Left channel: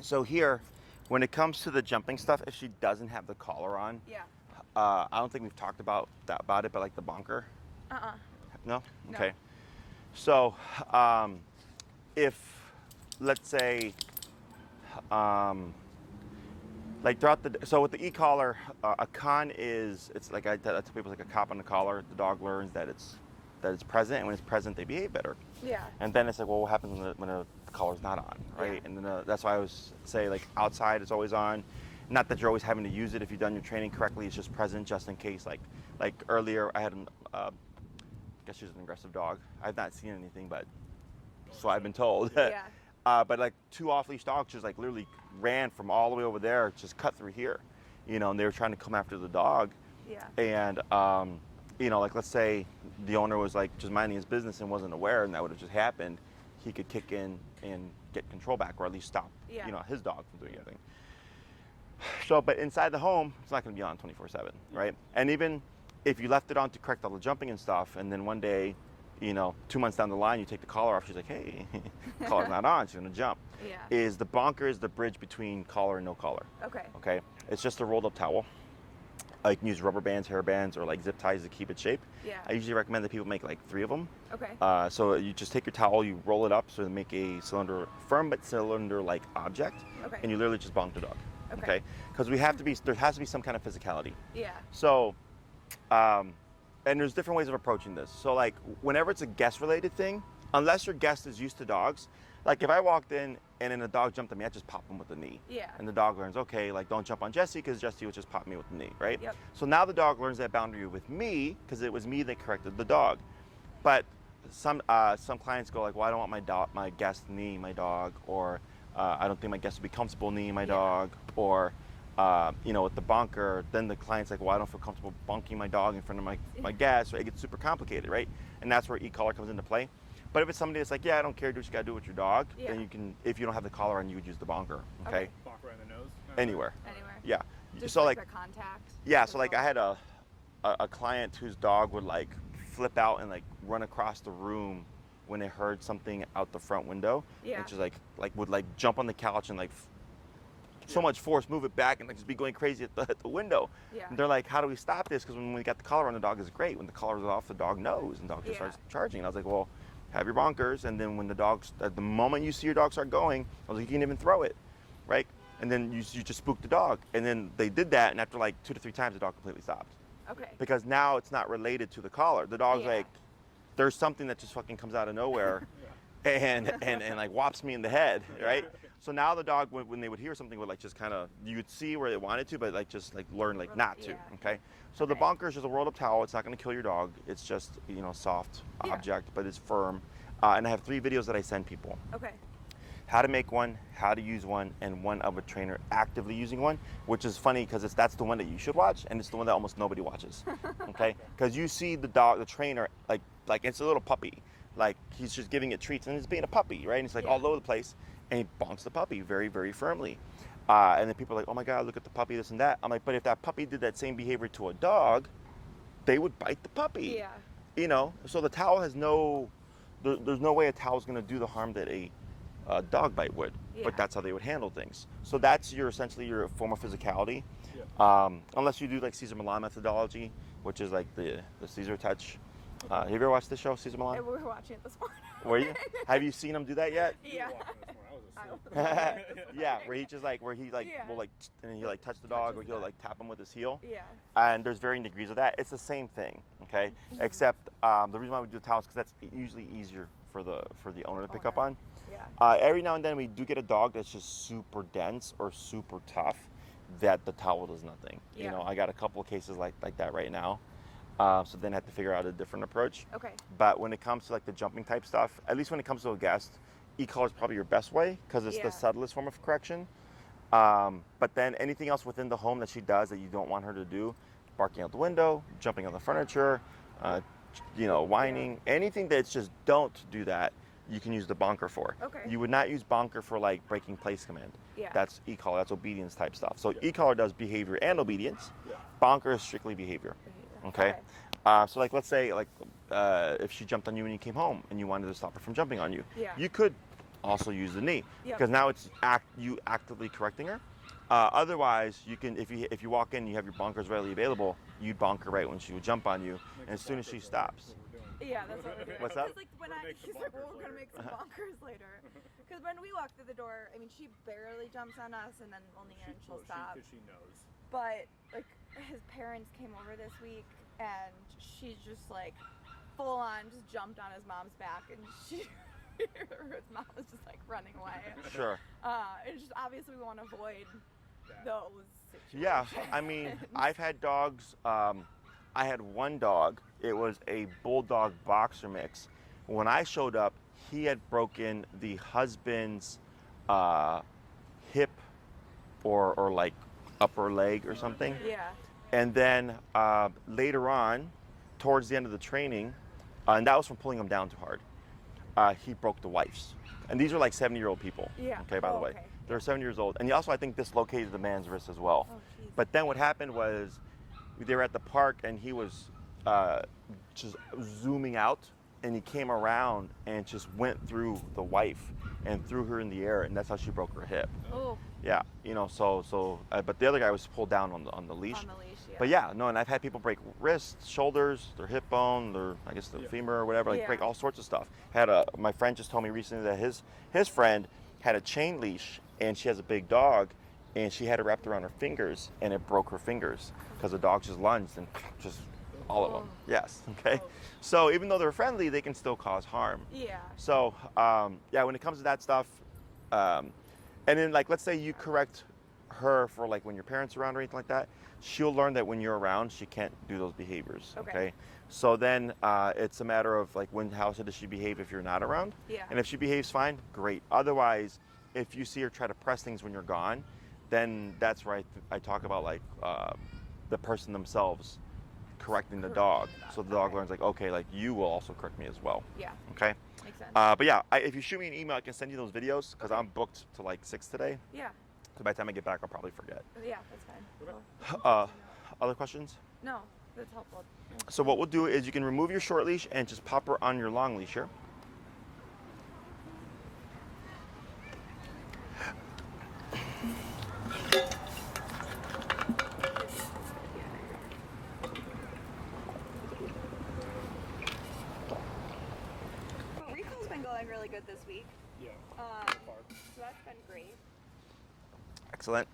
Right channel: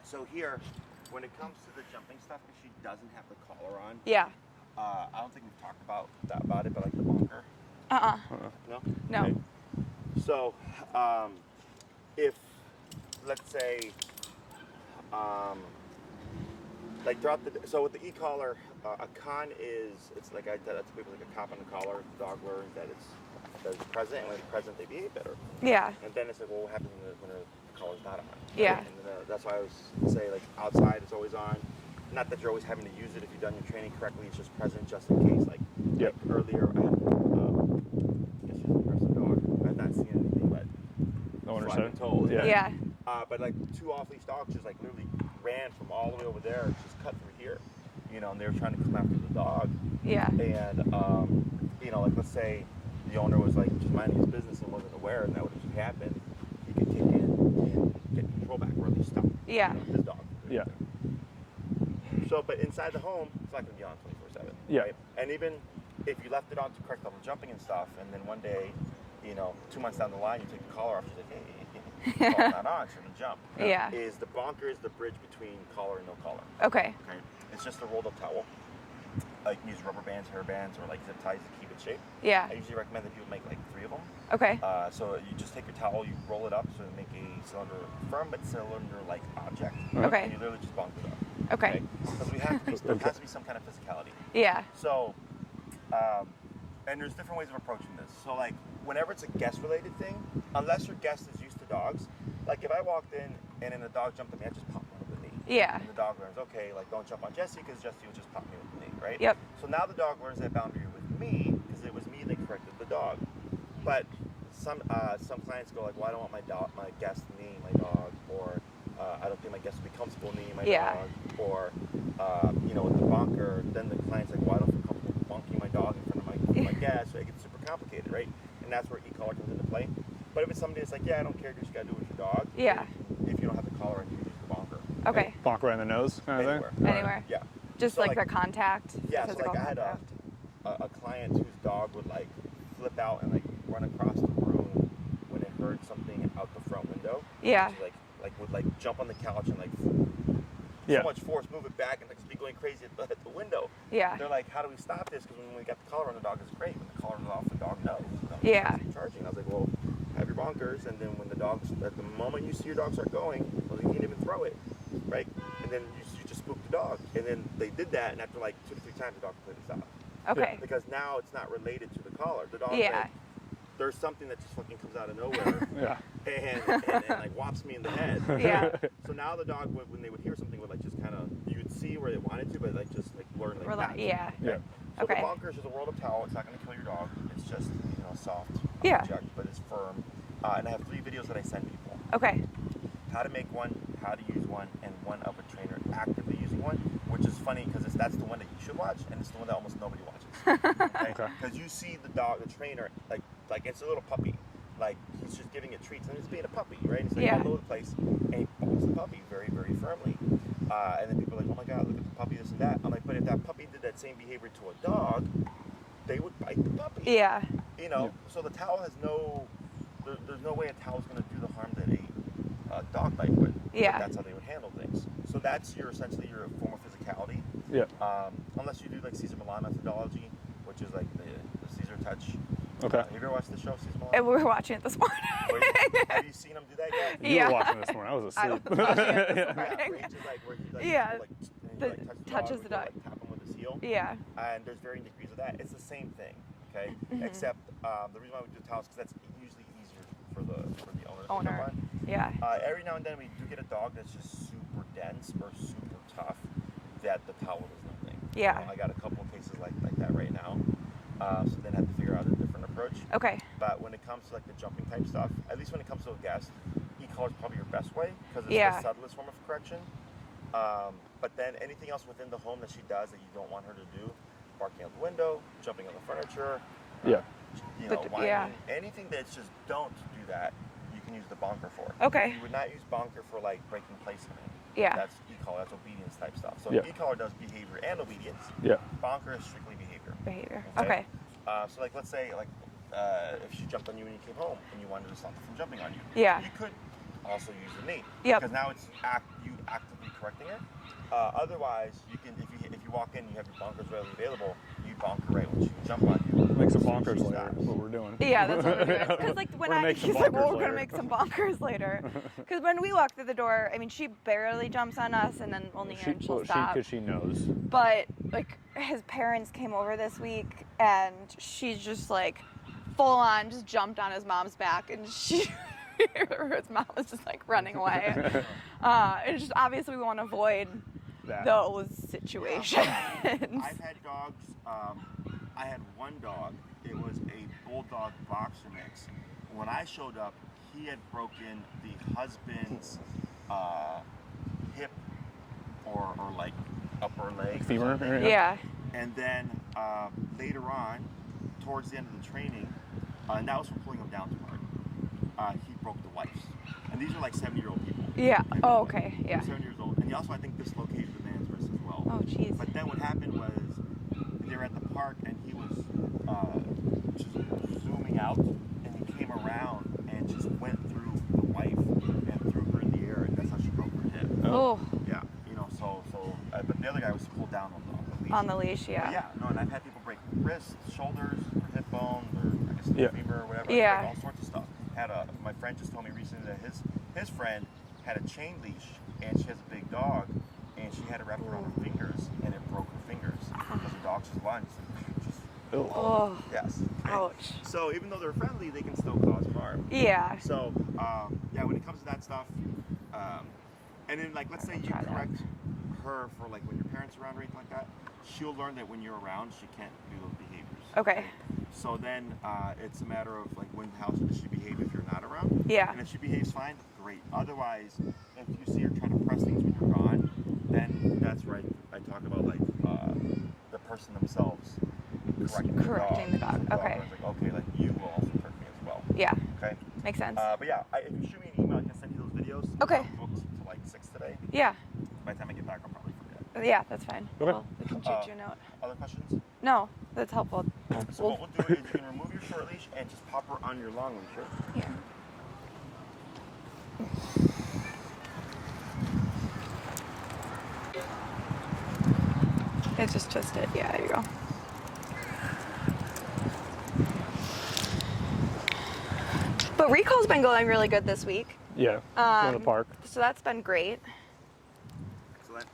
So here, when it comes to the jumping stuff, if she doesn't have the collar on, Yeah. I don't think we've talked about it, but like the bunker. No. No. Okay. So, if let's say, like throughout so with the e-collar, a con is it's like I tell people, like a cop on the collar. The dog learns that it's present, and when it's present, they behave better. Yeah. And then it's like, well, what happens when the collar's not on? Right? Yeah. And then that's why I always say, like, outside it's always on. Not that you're always having to use it if you've done your training correctly. It's just present just in case. Like earlier, I had I guess she was an aggressive dog. I've not seen anything, but that's what I've been told. Yeah. But like 2 off-leash dogs just like literally ran from all the way over there, just cut through here, and they were trying to come after the dog. Yeah. And like let's say the owner was like just minding his business and wasn't aware, and that would have just happened. He could kick in and get control back, or at least stop. His dog from doing anything. So, but inside the home, it's not going to be on 24/7, right? And even if you left it on to correct all the jumping and stuff, and then one day, 2 months down the line, you take the collar off, she's like, hey, collar's not on, she's going to jump. Yeah. Is the bonker is the bridge between collar and no collar. Okay. Okay. It's just a rolled up towel. You can use rubber bands, hair bands, or like zip ties to keep it shape. Yeah. I usually recommend that people make like 3 of them. Okay. So you just take your towel, you roll it up so to make a firm but cylinder-like object. Okay. And you literally just bonk the dog. Okay. Because there has to be some kind of physicality. Yeah. So, and there's different ways of approaching this. So like whenever it's a guest-related thing, unless your guest is used to dogs, like if I walked in and then a dog jumped at me, I just pop him with the knee. Yeah. And the dog learns, okay, like don't jump on Jessie because Jessie would just pop me with the knee, right? Yep. So now the dog learns that boundary with me because it was me that corrected the dog. But some clients go like, well, I don't want my guest to knee my dog, or I don't think my guest would be comfortable kneeing my dog, or with the bonker, then the client's like, well, I don't feel comfortable bonking my dog in front of my guest, so it gets super complicated, right? And that's where e-collar comes into play. But if it's somebody that's like, yeah, I don't care, do what you gotta do with your dog, then you can, if you don't have the collar on, you can use the bonker. Okay. Bonk right in the nose? Anywhere. Anywhere. Yeah. Just so like the contact? Yeah, so like I had a client whose dog would like flip out and like run across the room when it heard something out the front window. Yeah. Which is like would like jump on the couch and like so much force move it back and like just be going crazy at the window. Yeah. They're like, how do we stop this? Because when we got the collar on, the dog is great. When the collar is off, the dog knows. The dog starts charging. And I was like, well, have your bonkers, and then when at the moment you see your dog start going, I was like, you can't even throw it, right? And then you just spook the dog. And then they did that, and after like 2 to 3 times, the dog completely stopped. Okay. Because now it's not related to the collar. The dog's like, there's something that just fucking comes out of nowhere and like whops me in the head. Okay? Yeah. So now the dog, when they would hear something, would like just kind of, you would see where they wanted to, but like just like learn like not to. Yeah. Okay. So the bonker is just a rolled up towel. It's not going to kill your dog. It's just, soft object, but it's firm. And I have 3 videos that I send people. Okay. How to make one, how to use one, and one of a trainer actively using one, which is funny because that's the one that you should watch, and it's the one that almost nobody watches. Okay? Because you see the trainer, like it's a little puppy. Like he's just giving it treats and it's being a puppy, right? And it's like all over the place, and he bonks the puppy very, very firmly. And then people are like, oh my God, look at the puppy, this and that. I'm like, but if that puppy did that same behavior to a dog, they would bite the puppy. Yeah. So the towel has there's no way a towel is going to do the harm that a dog bite would. Yeah. But that's how they would handle things. So that's essentially your form of physicality. Yeah. Unless you do like Cesar Millan methodology, which is like the Cesar touch. Okay. Have you ever watched this show, Cesar Millan? We were watching it this morning. Were you? Have you seen him do that yet? You were watching this morning. I was asleep. Yeah, where he just like will like and he like touch the dog, or he'll like tap him with his heel. Yeah. And there's varying degrees of that. It's the same thing. Okay. Except the reason why we do the towels because that's usually easier for the owner to pick up on. Yeah. Every now and then we do get a dog that's just super dense or super tough that the towel does nothing. Yeah. I got a couple of cases like that right now. So then I had to figure out a different approach. Okay. But when it comes to like the jumping type stuff, at least when it comes to a guest, e-collar is probably your best way because it's the subtlest form of correction. But then anything else within the home that she does that you don't want her to do, barking out the window, jumping on the furniture, whining, anything that's just don't do that, you can use the bonker for. Okay. You would not use bonker for like breaking place command. Yeah. That's e-collar, that's obedience type stuff. So Yeah. e-collar does behavior and obedience. Yeah. Bonker is strictly behavior. Okay. So like let's say like if she jumped on you when you came home and you wanted to stop her from jumping on you. Yeah. You could also use the knee. Yep. Because now it's you actively correcting her. Otherwise, you can if you walk in, you have your bonkers readily available. You bonk her right when she would jump on you. Make some as soon as bonkers she later. stops. That's what we're doing. Yeah, that's what we're doing. Because like when We're gonna make some he's like, well, bonkers we're gonna later. make some bonkers later. Because when we walk through the door, I mean, she barely jumps on us, and then only and she'll stop. Because she knows. But like his parents came over this week, and she's just like full on just jumped on his mom's back, and his mom was just like running away. Sure. And it's just obviously we want to avoid those situations. Yeah, I mean, I've had dogs. I had one dog. It was a bulldog boxer mix. When I showed up, he had broken the husband's hip or like upper leg or Femur, something. Yeah. And then later on, towards the end of the training, and that was from pulling him down too hard, he broke the wife's. And these are like 70-year-old people. Yeah. Okay, by the Oh, way. okay. They're Yeah. 7 years old. And he also, I think, dislocated the man's wrist as well. Oh, jeez. But then what happened was they were at the park and he was just zooming out, and he came around and just went through the wife and threw her in the air, and that's how she broke her hip. Oh. Yeah, you know, but the other guy was pulled down on the leash. On the leash, yeah. But yeah, no, and I've had people break wrists, shoulders, their hip bone, their, I guess, their femur or whatever. Yeah. Break all sorts of stuff. My friend just told me recently that his friend had a chain leash, and she has a big dog, and she had it wrapped around her fingers, and it broke her fingers because the dog just lunged and just. Oh. Yes. Okay. Ouch. So even though they're friendly, they can still cause harm. Yeah. So yeah, when it comes to that stuff, and then like let's say you correct her for like when your parents are around or anything like that, she'll learn that when you're around, she can't do those behaviors. Okay. So then it's a matter of like how does she behave if you're not around? Yeah. And if she behaves fine, great. Otherwise, if you see her try to press things when you're gone, then that's where I talk about like the person themselves correcting the dog. So the dog learns like, okay, like you will also correct me as well. Yeah. Okay. Makes sense. But yeah, if you shoot me an email, I can send you those videos. 'Cause Okay. I'm booked to like 6 today. Yeah. So by the time I get back, I'll probably forget. Yeah, that's fine. Okay. Well, check your note. Other questions? No, that's helpful. So what we'll do is you can remove your short leash and just pop her on your long leash here. Yeah. It just twisted. Yeah, there you go. But recall's been going really good this week. Yeah. In the park. So that's been great. Excellent.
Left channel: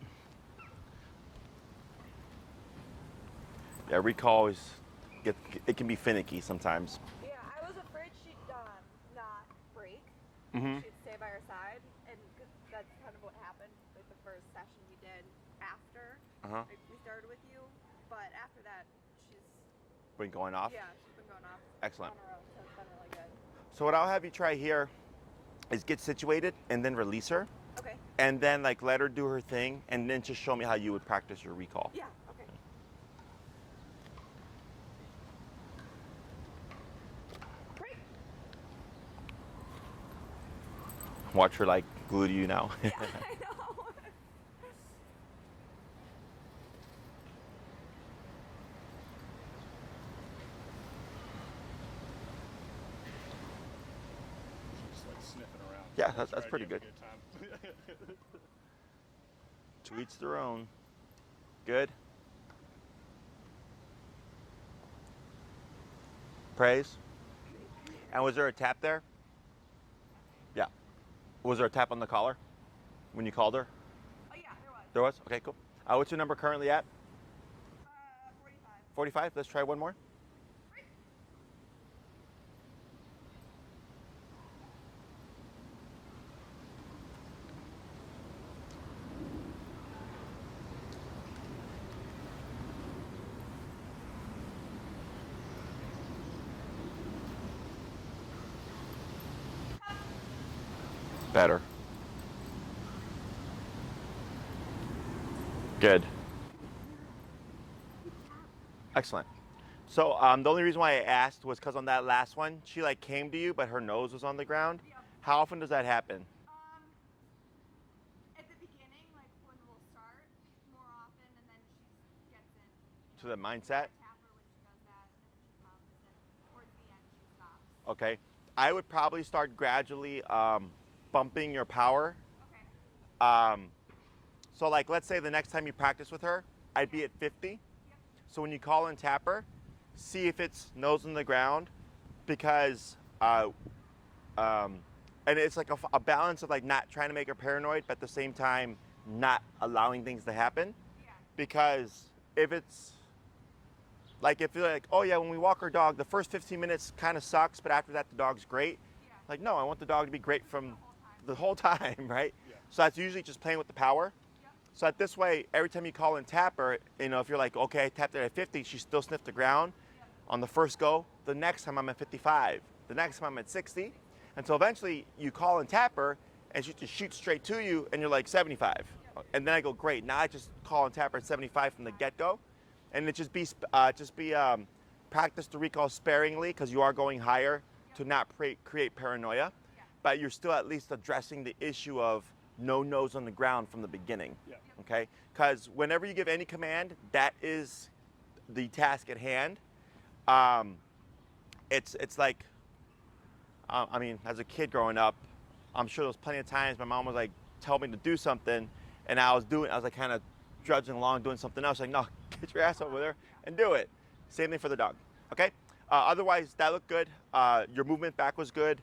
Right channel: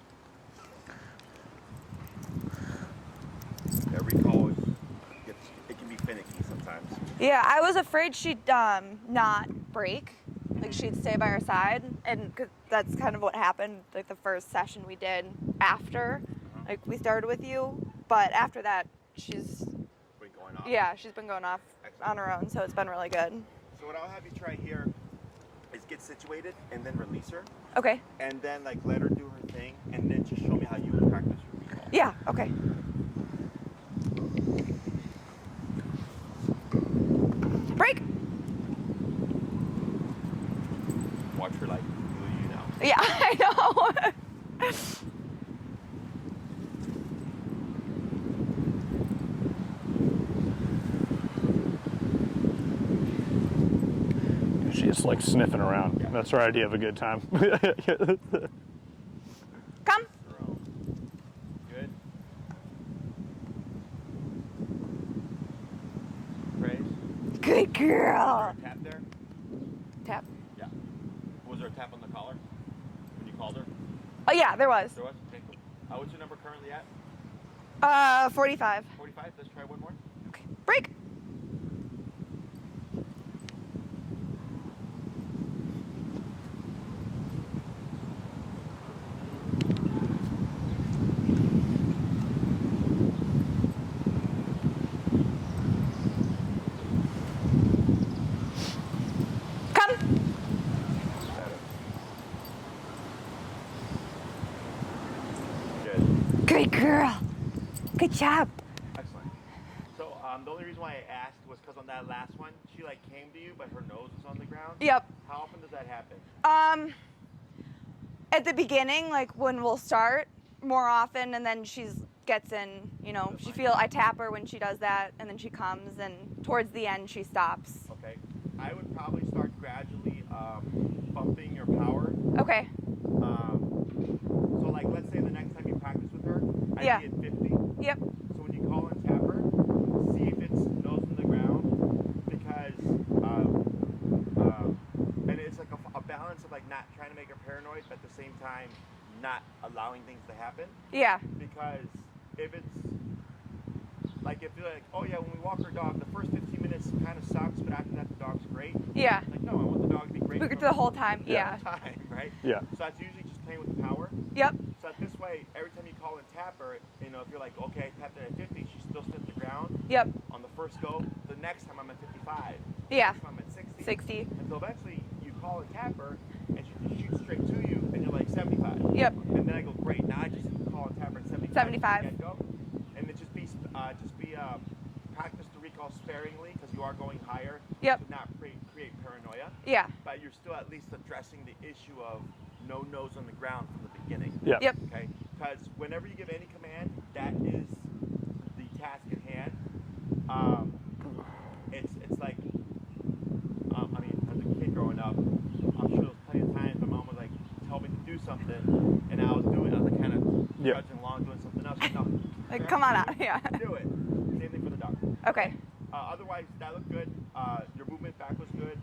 Yeah, recall it can be finicky sometimes. Yeah, I was afraid she'd not break. Like she'd stay by our side, and 'cause that's kind of what happened. Like the first session we did after, like we started with you, but after that, she's Been going off. she's been going off Excellent. on her own. So it's been really good. So what I'll have you try here is get situated and then release her, Okay. and then like let her do her thing, and then just show me how you would practice your recall. Yeah. Okay. Break. Watch her like glue to you now. Yeah, I know. She's like sniffing around. Yeah, That's that's her idea pretty of a good time. Come. Each their own. Good. Praise. Good girl. Was there a tap there? Tap. Yeah. Was there a tap on the collar when you called her? Oh yeah, there was. There was? Okay, cool. What's your number currently at? 45. 45? Let's try one more. Okay. Break. Come. Better. Good. Good girl. Good job. Excellent. So the only reason why I asked was because on that last one, she like came to you, but her nose was on the ground. Yep. How often does that happen? At the beginning, like when we'll start more often, and then she's gets in, you know, The I mindset. tap her when she does that, and then she comes, and towards the end she stops. Okay. I would probably start gradually bumping your power. Okay. So like, let's say the next time you practice with her, I'd Yeah. be at 50. Yep. So when you call and tap her, see if it's nose on the ground, because, and it's like a balance of like not trying to make her paranoid, but at the same time, not allowing things to happen. Yeah. Because if it's, like if you're like, oh yeah, when we walk our dog, the first 15 minutes kind of sucks, but after that the dog's great. Yeah. Like, no, I want the dog to be great We could do the whole time. the Yeah. whole time, right? Yeah. So that's usually just playing with the power. Yep. So at this way, every time you call and tap her, you know, if you're like, okay, I tapped her at 50, she still sniffed the ground. Yep. On the first go, the next time I'm at 55. The Yeah. next time I'm at 60. 60. Until eventually you call and tap her, and she just shoots straight to you, and you're like 75. Yep. And then I go, great. Now I just call and tap her at 75 from the 75. get-go, and it just be practice the recall sparingly, because you are going higher. Yep. To not create paranoia. Yeah. But you're still at least addressing the issue of no nose on the ground from the beginning. Yeah. Yep. Okay? Because whenever you give any command, that is the task at hand. It's like, I mean, as a kid growing up, I'm sure there was plenty of times my mom was like, tell me to do something, and I was like kind of trudging along doing something else. Like, no, get your Like, ass come over on there out, yeah. and do it. Same thing for the dog. Okay. Otherwise, that looked good. Your movement back was good.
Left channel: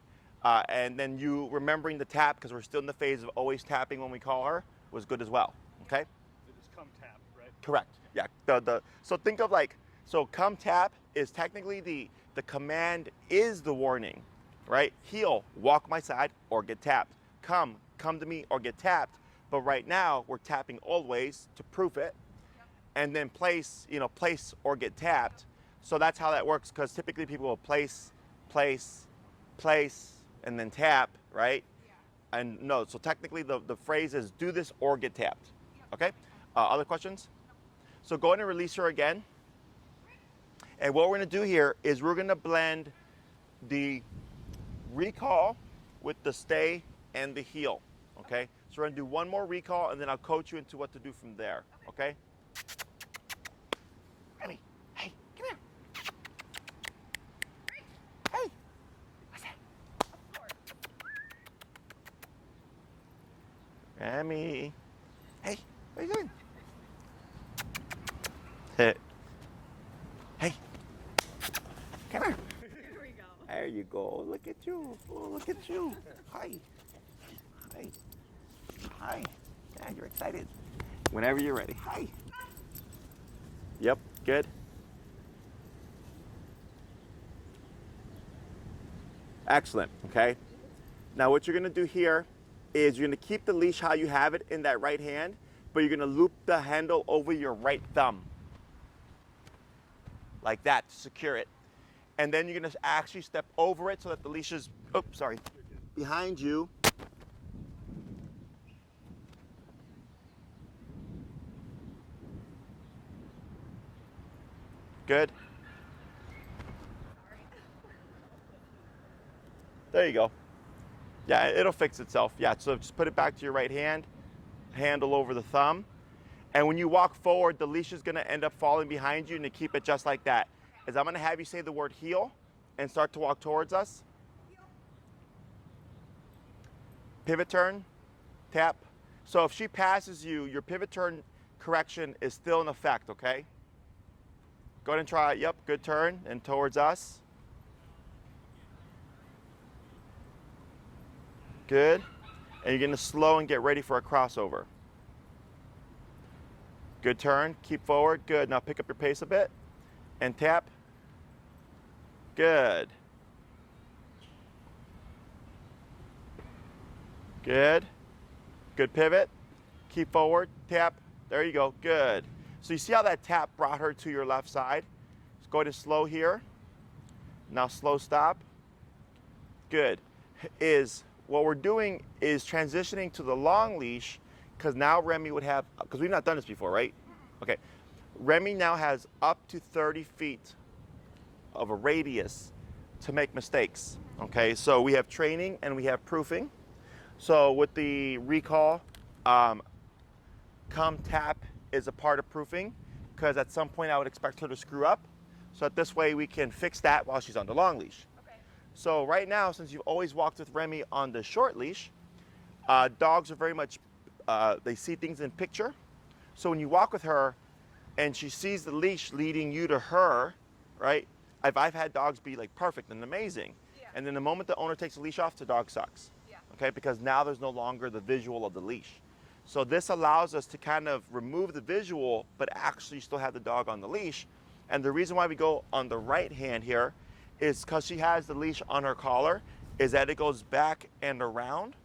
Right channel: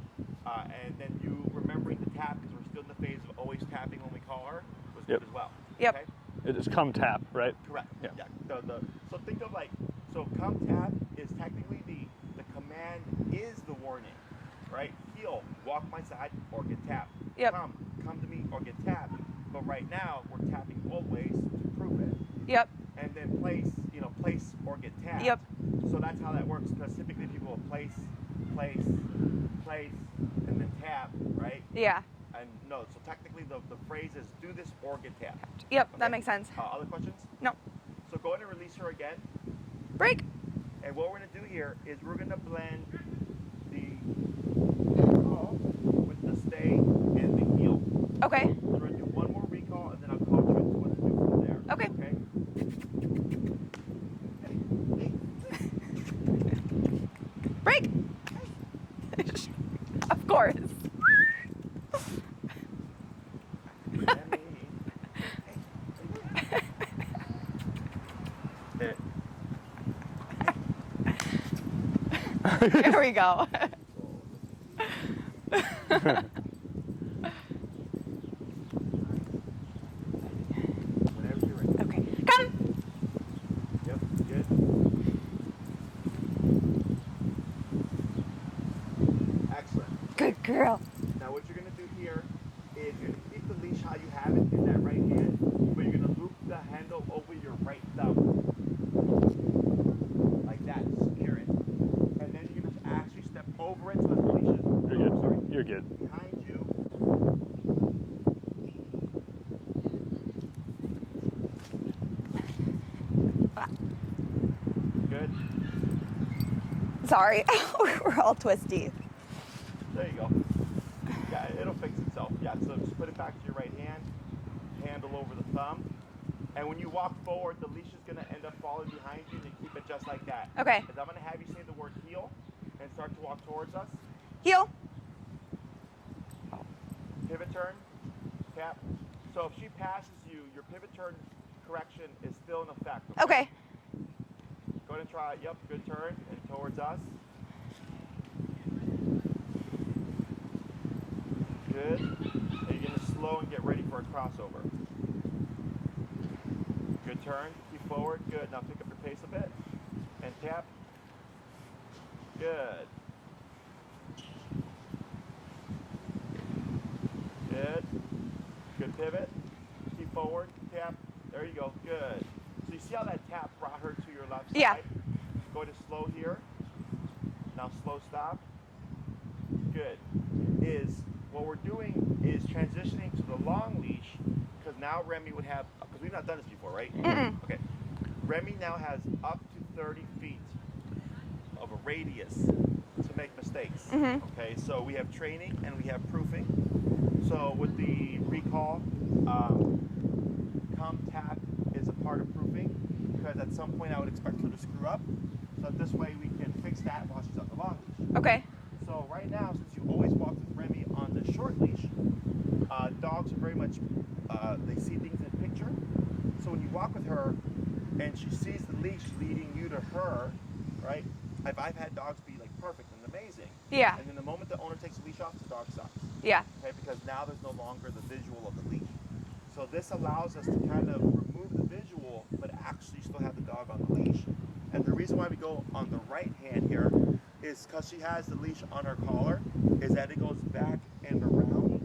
And then you remembering the tap, because we're still in the phase of always tapping when we call her, was good Yep. as well. Yep. Okay? It is come tap, right? Correct. Yeah. So think of like, so come tap is technically the command is the warning, right? Heel, walk my side or get tapped. Yep. Come to me or get tapped. But right now we're tapping always to proof it, Yep. and then place or get tapped. Yep. So that's how that works, because typically people will place, and then tap, right? Yeah. And no, so technically the phrase is do this or get tapped. Yep. Okay? That makes sense. Other questions? No. So go ahead and release her again. Break. And what we're going to do here is we're going to blend the recall with the stay and the heel. Okay. So we're going to do one more recall, and then I'll coach you into what to do from there. Okay. Okay? Ready? Hey, come here. Break. Hey. Of course. Remi. Hey, what are you doing? Hey. There we go. There you go. Look at you. Look at you. Hi. Hi. Hi. Yeah, you're excited. Whenever you're ready. Hi. Come. Yep. Good. Excellent. Okay. Good girl. Now what you're going to do here is you're going to keep the leash how you have it in that right hand, but you're going to loop the handle over your right thumb. Like that to secure it. And then you're going to actually step over it so that the leash is, You're sorry, good. You're good. behind you. Good. Sorry. We're all twisty. There you go. Yeah, it'll fix itself. Yeah, so just put it back to your right hand, handle over the thumb. And when you walk forward, the leash is going to end up falling behind you, and to keep it just like that. Okay. Is I'm going to have you say the word heel and start to walk towards us. Heel. Pivot turn, tap. So if she passes you, your pivot turn correction is still in effect, okay? Okay. Go ahead and try it. Yep, good turn and towards us. Good. And you're going to slow and get ready for a crossover. Good turn. Keep forward. Good. Now pick up your pace a bit and tap. Good. Good. Good pivot. Keep forward. Tap. There you go. Good. So you see how that tap brought her to your left side? Yeah. Go ahead and slow here. Now slow stop. Good. What we're doing is transitioning to the long leash, because now Remi would have, because we've not done this before, right? Mm-mm. Okay. Remi now has up to 30 feet of a radius to make mistakes. Mhm. Okay, so we have training and we have proofing. So with the recall, come tap is a part of proofing, because at some point I would expect her to screw up. So that this way we can fix that while she's on the long leash. Okay. So right now, since you've always walked with Remi on the short leash, dogs are very much, they see things in picture. So when you walk with her and she sees the leash leading you to her, right? I've had dogs be like perfect and amazing. Yeah. And then the moment the owner takes the leash off, the dog sucks. Yeah. Okay, because now there's no longer the visual of the leash. So this allows us to kind of remove the visual, but actually still have the dog on the leash. And the reason why we go on the right hand here is because she has the leash on her collar, is that it goes back and around.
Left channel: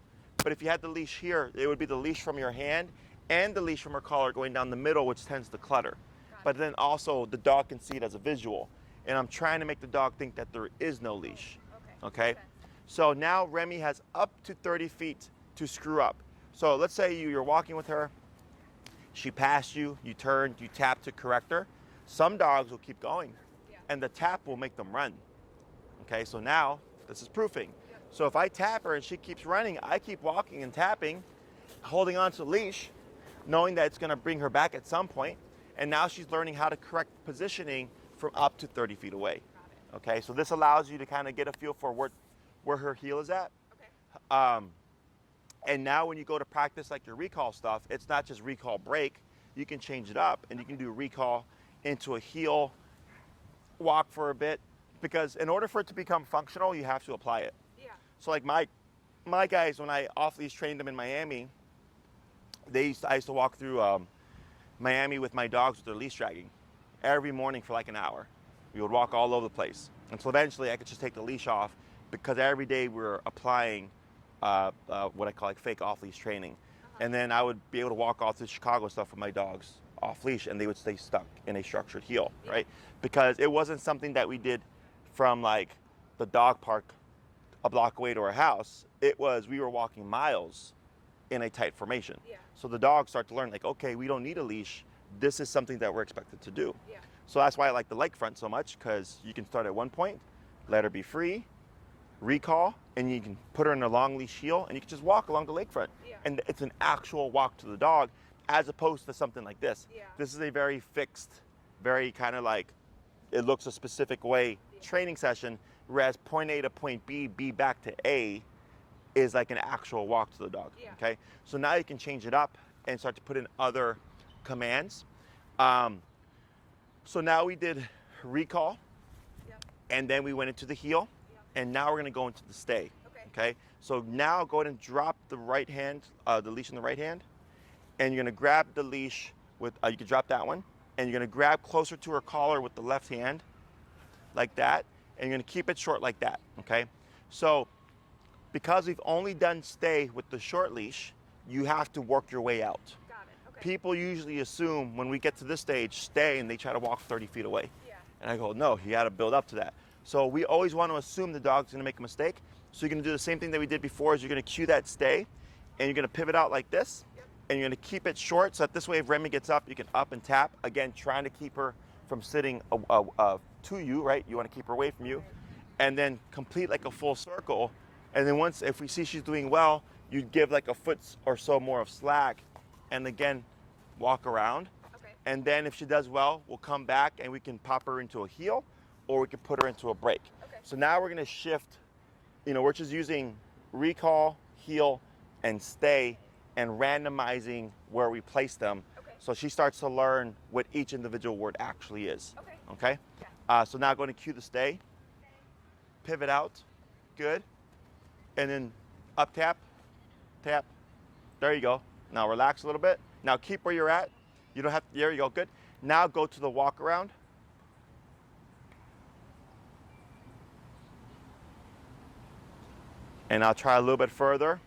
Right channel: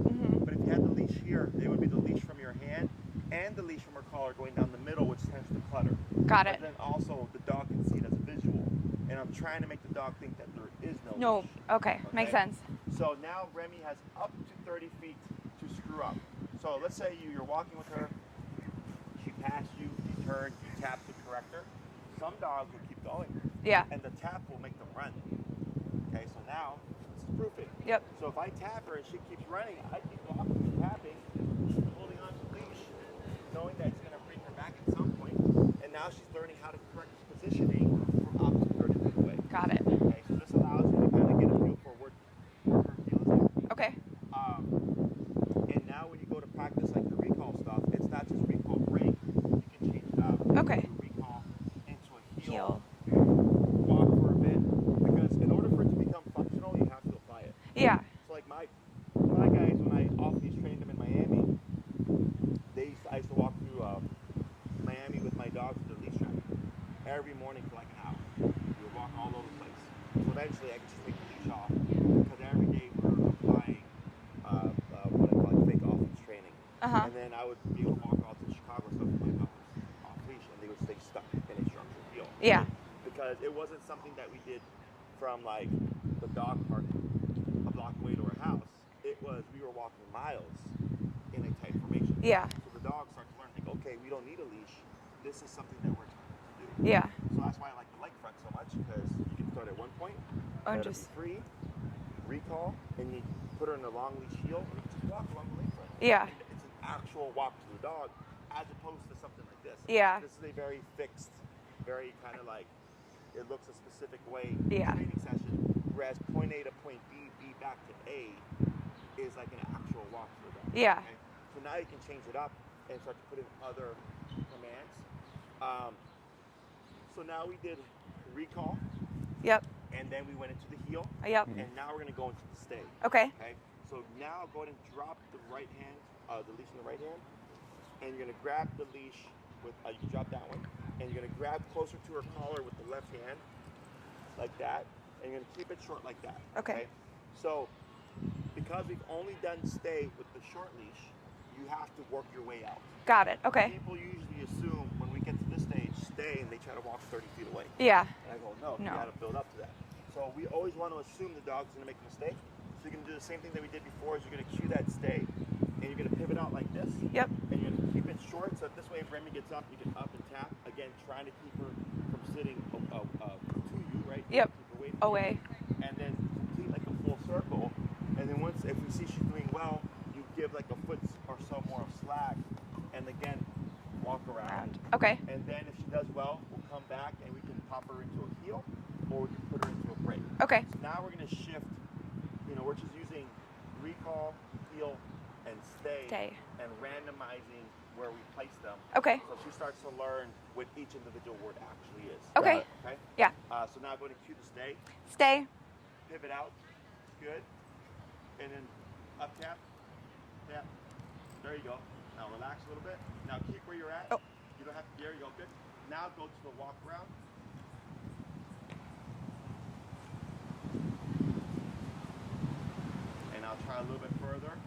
But if you had the leash here, it would be the leash from your hand and the leash from her collar going down the middle, which tends to clutter. Got it. But then also the dog can see it as a visual. And I'm trying to make the dog think that there is no leash. Okay, makes sense. So now Remi has up to 30 feet to screw up. So let's say you're walking with her, she passed you, you turned, you tap to correct her. Some dogs will keep going. Yeah. And the tap will make them run. Okay, so now this is proofing. Yep. So if I tap her and she keeps running, I keep walking and tapping, holding on to the leash, knowing that it's going to bring her back at some point. And now she's learning how to correct positioning from up to 30 feet away. Got it. Okay, so this allows you to kind of get a feel for where her heel is at. Okay. And now when you go to practice like your recall stuff, it's not just recall break. You can change it up and you can do recall into a heel, walk for a bit. Because in order for it to become functional, you have to apply it. Yeah. So like my guys, when I off-leash trained them in Miami, I used to walk through Miami with my dogs with their leash dragging every morning for like an hour. We would walk all over the place. And so eventually I could just take the leash off because every day we're applying what I call like fake off-leash training. And then I would be able to walk off the Chicago stuff with my dogs off-leash and they would stay stuck in a structured heel. Yeah. Right? Because it wasn't something that we did from like the dog park a block away to our house. It was, we were walking miles in a tight formation. Yeah. So the dogs start to learn like, okay, we don't need a leash. This is something that we're expected to do. Yeah. So that's why I like the leg front so much, because you can start at one point, let her be free, recall, and you can put her in a long leash heel, and you can just walk along the leg front. Yeah. And it's an actual walk to the dog, as opposed to something like this. Yeah. This is a very fixed, very kind of like, it looks a specific way training session, whereas point A to point B, B back to A, is like an actual walk to the dog. Yeah. Okay. So now you can change it up and start to put in other commands. So now we did recall. Yep. And then we went into the heel. Yep. And now we're going to go into the stay. Okay. Okay. So now go ahead and drop the right hand, the leash in the right hand, and you're going to grab the leash with. You can drop that one, and you're going to grab closer to her collar with the left hand, like that, and you're going to keep it short like that. Okay. So because we've only done stay with the short leash, you have to work your way out. Got it. Okay. People usually assume when we get to this stage, stay, and they try to walk 30 feet away. Yeah. And I go, no, you got to build up to that. So we always want to assume the dog's going to make a mistake. So you're going to do the same thing that we did before, is you're going to cue that stay, and you're going to pivot out like this. Yep. And you're going to keep it short, so that this way if Remi gets up, you can up and tap. Again, trying to keep her from sitting to you, right? You want to keep her away from you. And then complete like a full circle. And then once, if we see she's doing well, you give like a foot or so more of slack, and again, walk around. Okay. And then if she does well, we'll come back and we can pop her into a heel, or we can put her into a break. Okay. So now we're gonna shift, we're just using recall, heel, and stay, and randomizing where we place them. Okay. So she starts to learn what each individual word actually is. Okay. Okay? Yeah. So now going to cue the stay. Stay. Pivot out. Good. And then up tap. Tap. There you go. Now relax a little bit. Now keep where you're at. Oh. You don't have to, there you go, good. Now go to the walk around. And I'll try a little bit further.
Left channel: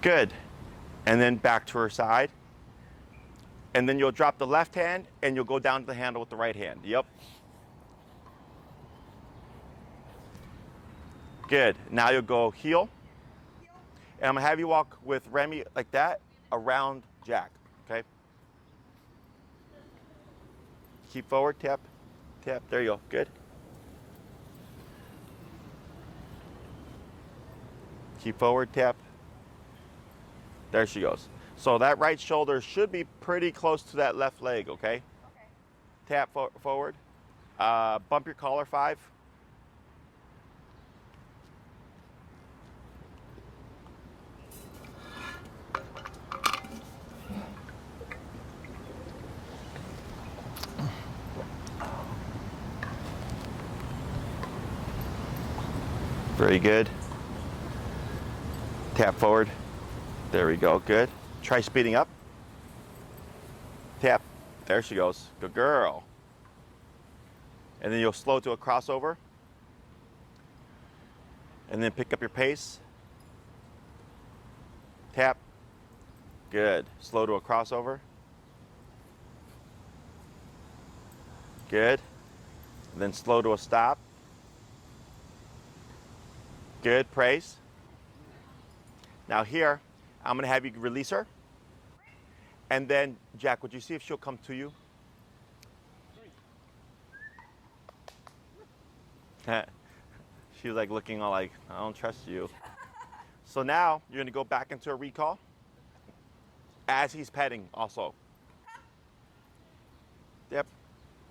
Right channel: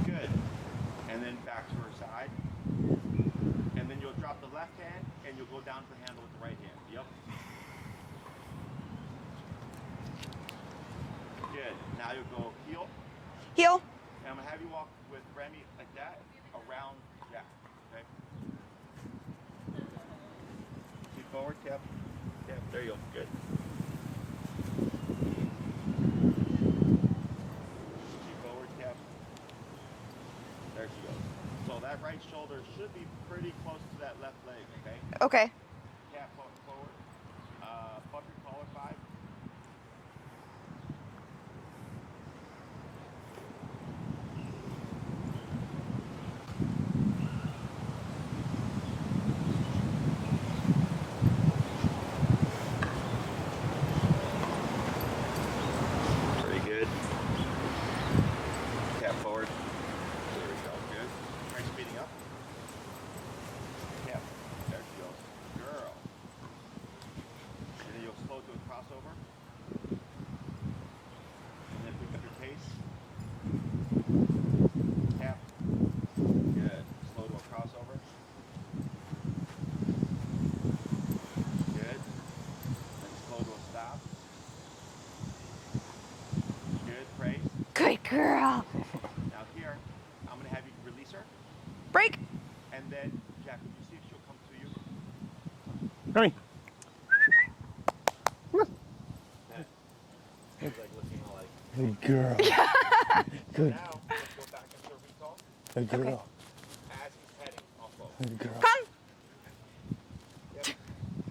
Good. And then back to her side. And then you'll drop the left hand and you'll go down to the handle with the right hand. Yep. Good. Now you'll go heel. Heel. And I'm gonna have you walk with Remi like that around Jack. Okay. Keep forward, tap, tap. There you go. Good. Keep forward, tap. There she goes. So that right shoulder should be pretty close to that left leg, okay? Okay. Tap forward. Bump your collar 5. Very good. Tap forward. There we go. Good. Try speeding up. Tap. There she goes. Good girl. And then you'll slow to a crossover. And then pick up your pace. Tap. Good. Slow to a crossover. Good. Then slow to a stop. Good. Praise. Good girl. Now here, I'm going to have you release her. Break. And then, Jack, would you see if she'll come to you? Remi. She's like looking all like, oh, Good girl. So now you're gonna go back into a recall Good girl. as he's petting also. Good girl. Come. Yep.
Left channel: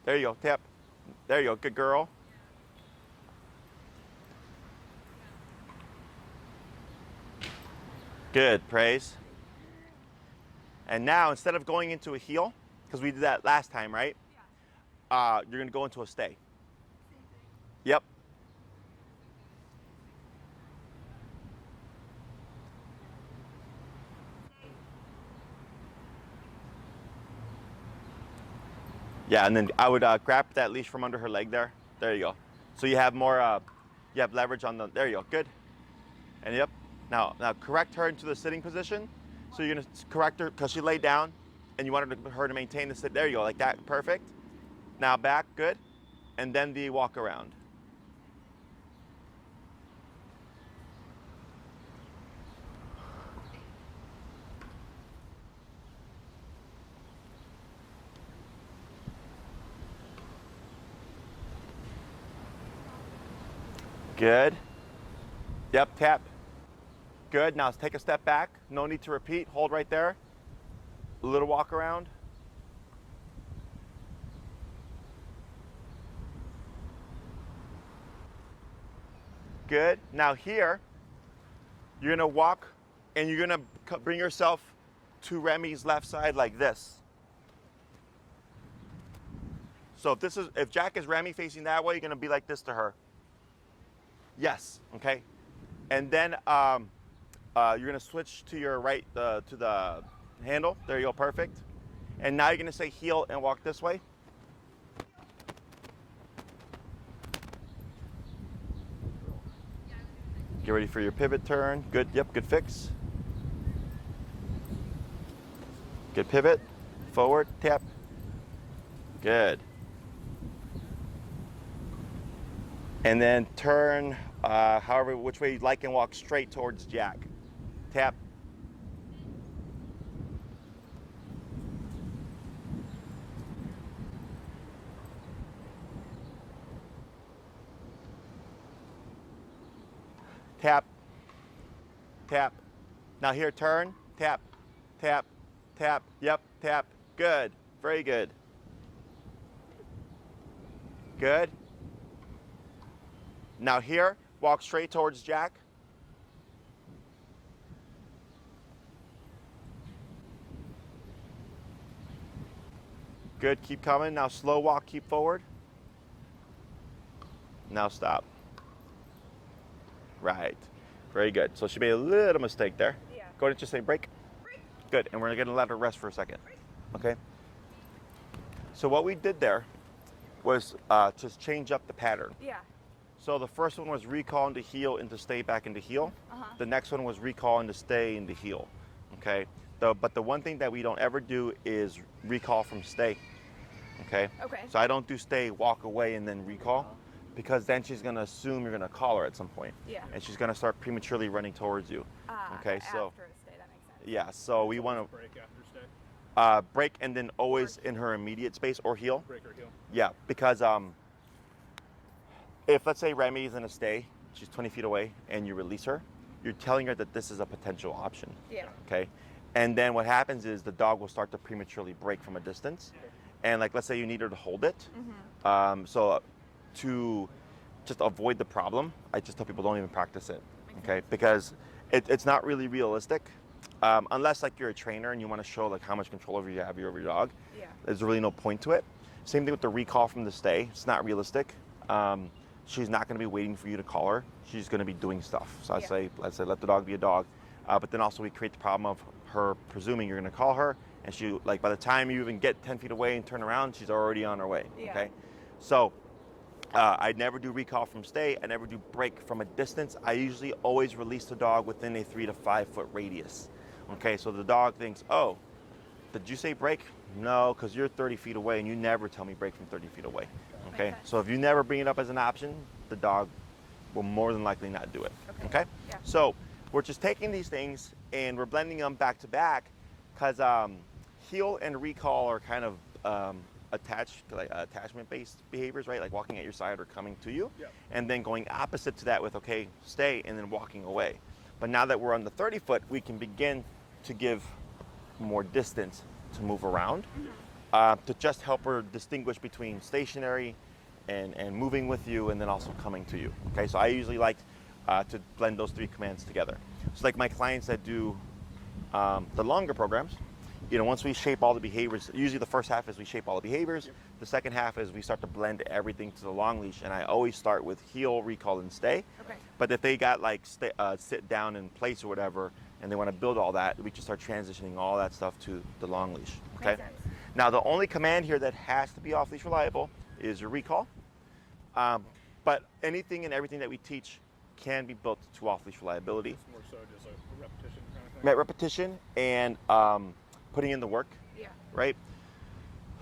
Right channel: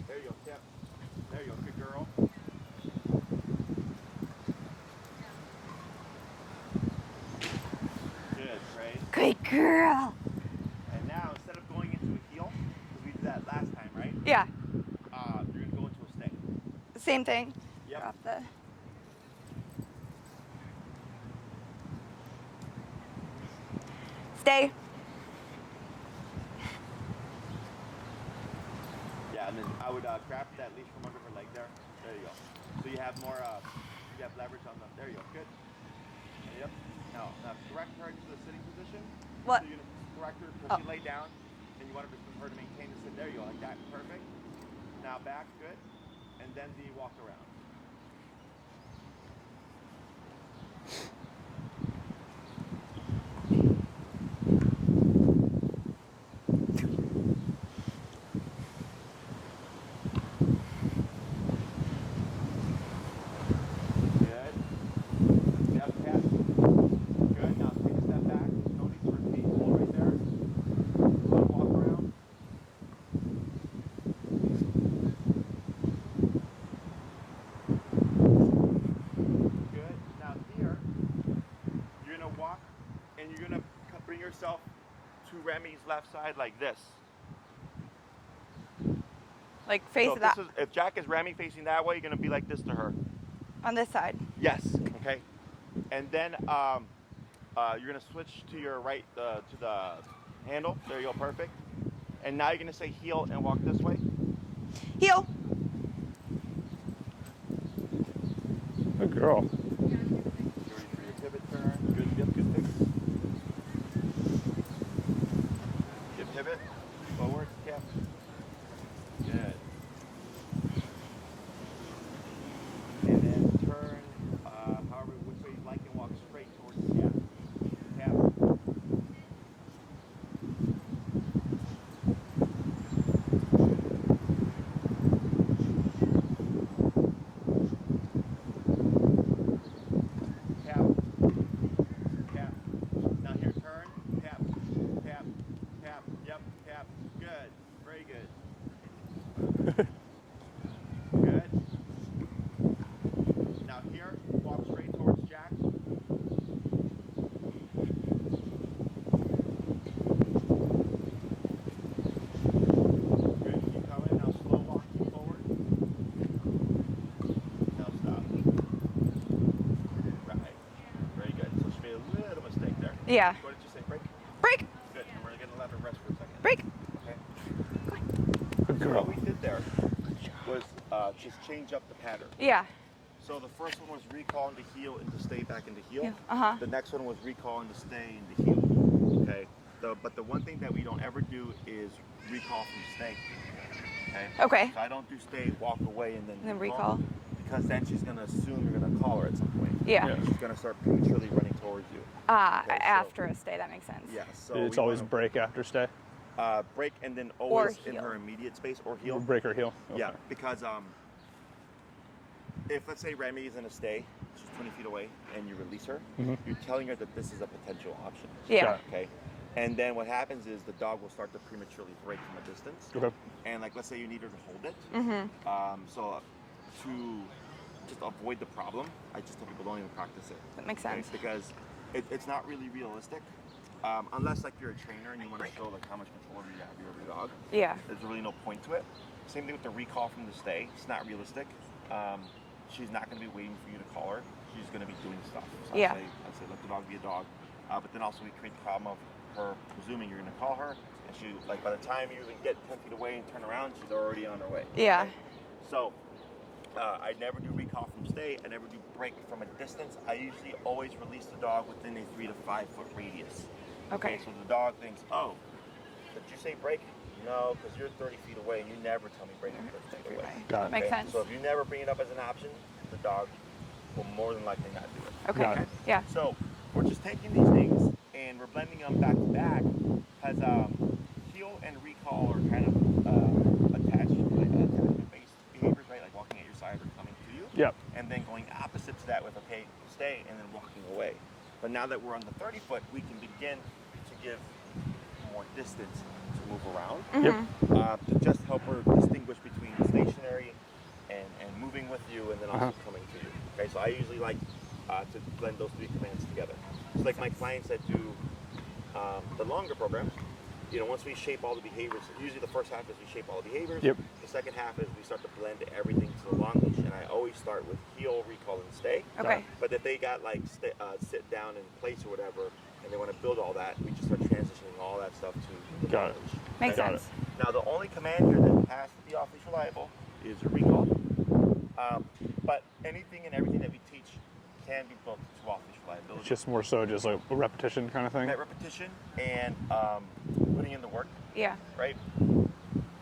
There you go. Tap. There you go. Good girl. Good. Praise. Good girl. And now instead of going into a heel, because we did that last time, right? Yeah. You're gonna go into a stay. Same thing. Yep. Drop the... Stay. Yeah, and then I would grab that leash from under her leg there. There you go. So you have more, you have leverage on the, there you go, good. And yep, now correct her into the sitting position. What? So you're gonna correct her, because she laid down, and you wanted her to maintain the sit, there you go, like that, perfect. Now back, good. And then the walk around. Good. Yep, tap. Good. Now take a step back. No need to repeat. Hold right there. A little walk around. Good. Now here, you're gonna walk and you're gonna bring yourself to Remi's left side like this. Like face So if, that if Jack is Remi facing that way, you're gonna be like this to her. on this side. Yes. Okay. And then you're gonna switch to your right to the handle. There you go. Perfect. And now you're gonna say heel and walk this way. Heel. Good girl. Get ready for your pivot turn. Good. Yep. Good fix. Good pivot. Forward. Tap. Good. And then turn however which way you like and walk straight towards Jack. Tap. Tap. Tap. Now here, turn. Tap. Tap. Tap. Yep. Tap. Good. Very good. Good. Now here, walk straight towards Jack. Good, keep coming. Now slow walk, keep forward. Now stop. Right. Very good. So she made a little mistake there. Yeah. Go ahead and just say break. Break. Good, and we're gonna let her rest for a second. Break. Okay. So what we did there was just change up the pattern. Yeah. So the first one was recall into heel into stay back into heel. Yeah, uh-huh. The next one was recall into stay into heel. Okay. But the one thing that we don't ever do is recall from stay. Okay. Okay. So I don't do stay, walk away, and then recall. Because then she's gonna assume you're gonna call her at some point. Yeah. And she's gonna start prematurely running towards you. Okay, so- After a stay, that makes sense. Yeah. So It's we always want break after stay. to break and then always in heel. her immediate space or heel. Break or heel. Yeah, Okay. because if let's say Remi is in a stay, she's 20 feet away, and you release her, Mhm. you're telling her that this is a potential option. Yeah. Got it. Okay. And then what happens is the dog will start to prematurely break from a distance. Okay. And like, let's say you need her to hold it. So to just avoid the problem, I just tell people don't even practice it. That makes sense. Because it's not really realistic. Unless like you're a trainer and you want to show like how much control over you have over your dog. Yeah. There's really no point to it. Same thing with the recall from the stay. It's not realistic. She's not going to be waiting for you to call her. She's going to be doing stuff. So I'd say let the dog be a dog. But then also we create the problem of her presuming you're going to call her, and she like by the time you even get 10 feet away and turn around, she's already on her way. Yeah. Okay? So I never do recall from stay. I never do break from a distance. I usually always release the dog within a 3 to 5 foot radius. Okay. So the dog thinks, oh, did you say break? No, because you're 30 feet away and you never tell me break from 30 feet away. Got it. Makes sense. So if you never bring it up as an option, the dog will more than likely not do it. Okay. Got it. Yeah. So we're just taking these things and we're blending them back to back because heel and recall are kind of attachment-based behaviors, right? Like walking at your side or coming to you. Yep. And then going opposite to that with, okay, stay, and then walking away. But now that we're on the 30 foot, we can begin to give more distance to move around. Yep. To just help her distinguish between stationary and moving with you and then also coming to you. Okay, so I usually like to blend those 3 commands together. So like my clients that do the longer programs, once we shape all the behaviors, usually the first half is we shape all the behaviors. Yep. The second half is we start to blend everything to the long leash, and I always start with heel, recall, and stay. Okay. But if they got like sit down in place or whatever, and they want to build all that, we just start transitioning all that stuff to the Got long it. leash. Makes Okay? sense. Now the only command here that has to be off leash reliable is your recall. But anything and everything that we teach can be built to off leash reliability. Just more so just like a repetition kind of thing. Repetition and putting in the work, Yeah. right?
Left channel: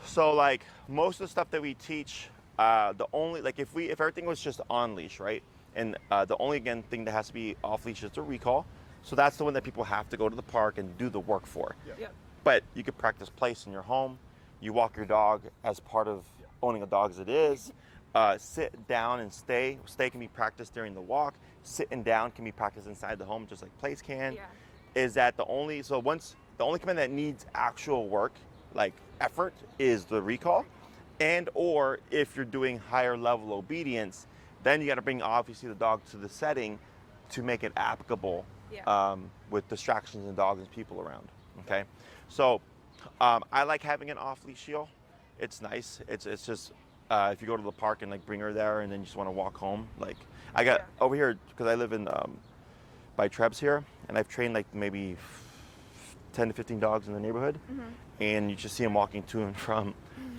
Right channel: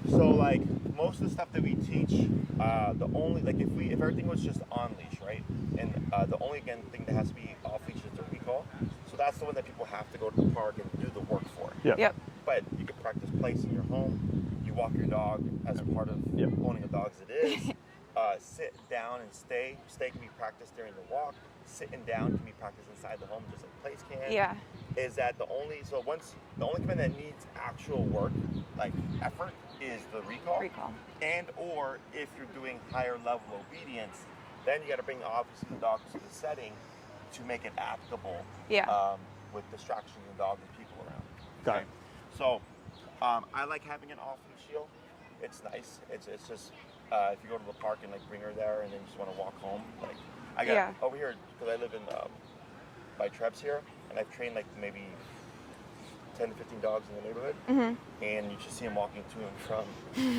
So like most of the stuff that we teach, the only like if everything was just on leash, right? And the only thing that has to be off leash is the recall. So that's the one that people have to go to the park and do the work for. Yeah. Yep. But you could practice place in your home. You walk your dog as part of Yep. owning a dog as it is. Sit down and stay. Stay can be practiced during the walk. Sitting down can be practiced inside the home, just like place can. Yeah. Is that the only command that needs actual work, like effort, is the recall. Recall. And or if you're doing higher level obedience, then you got to bring obviously the dog to the setting to make it applicable. Yeah. With distractions and dogs and people around. Got Okay. it. So I like having an off leash heel. It's nice. It's just if you go to the park and like bring her there and then you just want to walk home, like I got Yeah. over here because I live in by Trebs here, and I've trained like maybe 10 to 15 dogs in the neighborhood, and you just see them walking to and from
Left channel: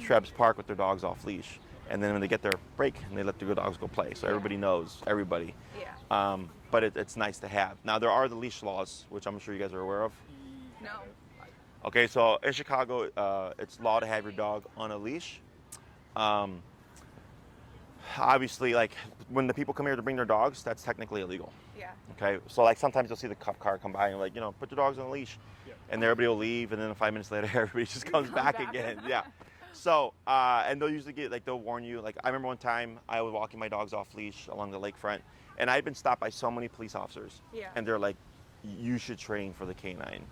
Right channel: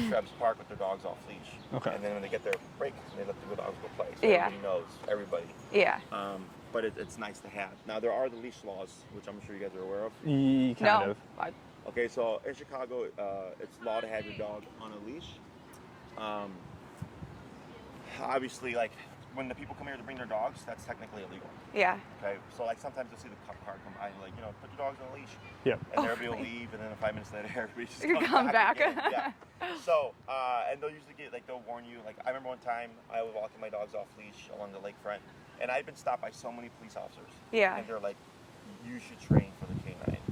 Trebs Park with their dogs off leash. Okay. And then when they get their break, they let the dogs go play. So Yeah. everybody knows everybody. Yeah. But it's nice to have. Now there are the leash laws, which I'm sure you guys are aware of. Kind No. of. Okay, so in Chicago, it's law to have your dog on a leash. Obviously, like when the people come here to bring their dogs, that's technically illegal. Yeah. Okay, so like sometimes you'll see the cop car come by and like, put your dogs on a leash, Yeah. and everybody will leave, and then 5 minutes later, everybody just You comes come back. again. Yeah. So, and they'll usually they'll warn you. Like I remember one time I was walking my dogs off leash along the lakefront, and I'd been stopped by so many police officers. Yeah. And they're like, you should train for the canine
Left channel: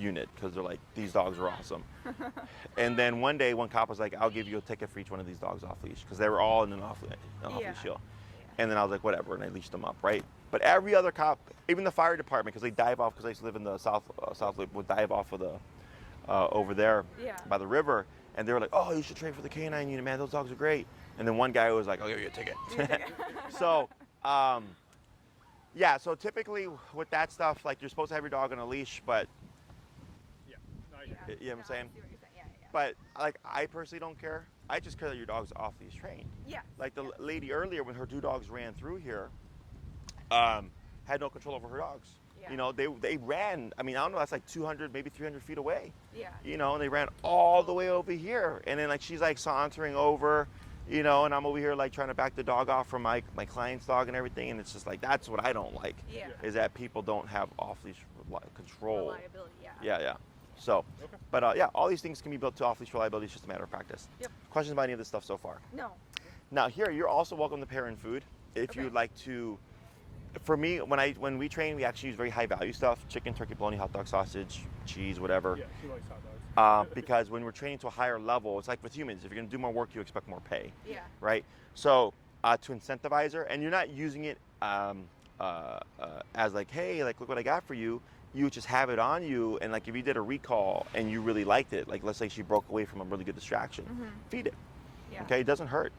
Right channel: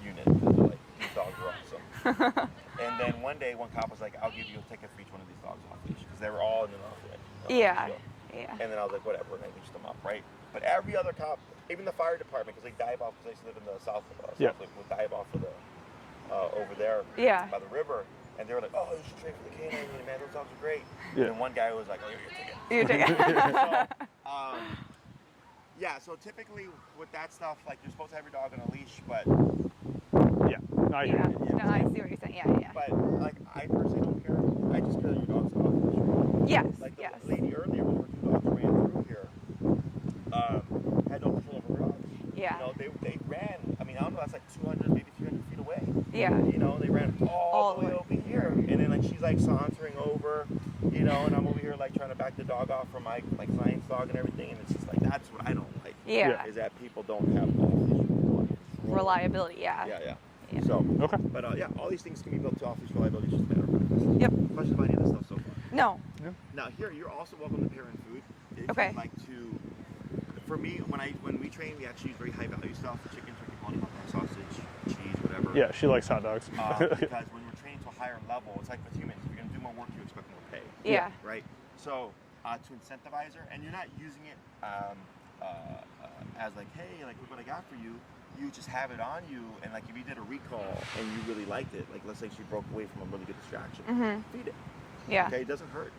unit because they're like, these dogs are awesome. And then one day, one cop was like, I'll give you a ticket for each one of these dogs off leash because they were all in an off leash. Yeah. Yeah. And then I was like, whatever, and I leashed them up, right? But every other cop, even the fire department, because they dive off, because I used to live in the south loop, would dive off of the over there Yeah. by the river, and they were like, oh, you should train for the canine unit, man. Those dogs are great. And then one guy was like, I'll give you a ticket. You take it. So, yeah. So typically with that stuff, like you're supposed to have your dog on a leash, but Yeah. No, I hear Yeah. you. you know what No, I'm I saying? see what you're saying. Yeah. Yeah. But like I personally don't care. I just care that your dog's off leash trained. Yes. Like the yes. lady earlier when her 2 dogs ran through here, had no control over her dogs. Yeah. They ran. I mean, I don't know. That's like 200, maybe 300 feet away. Yeah. They ran all the way over here, and then like she's like sauntering over, and I'm over here like trying to back the dog off from my client's dog and everything, and it's just like that's what I don't like. Yeah. Is that people don't have off leash control. Reliability. Yeah. Yeah. Yeah. So, Okay. but yeah, all these things can be built to off leash reliability. It's just a matter of practice. Yep. Questions about any of this stuff so far? No. Now here, you're also welcome to pair in food if Okay. you'd like to for me, when we train, we actually use very high value stuff: chicken, turkey, bologna, hot dog, sausage, cheese, whatever. Yeah, she likes hot dogs. Because when we're training to a higher level, it's like with humans. If you're going to do more work, you expect more pay. Yeah. Right. So to incentivize her, and you're not using it as like, hey, like look what I got for you. You just have it on you, and like if you did a recall and you really liked it, like let's say she broke away from a really good distraction, feed it. Yeah. Okay, it doesn't hurt.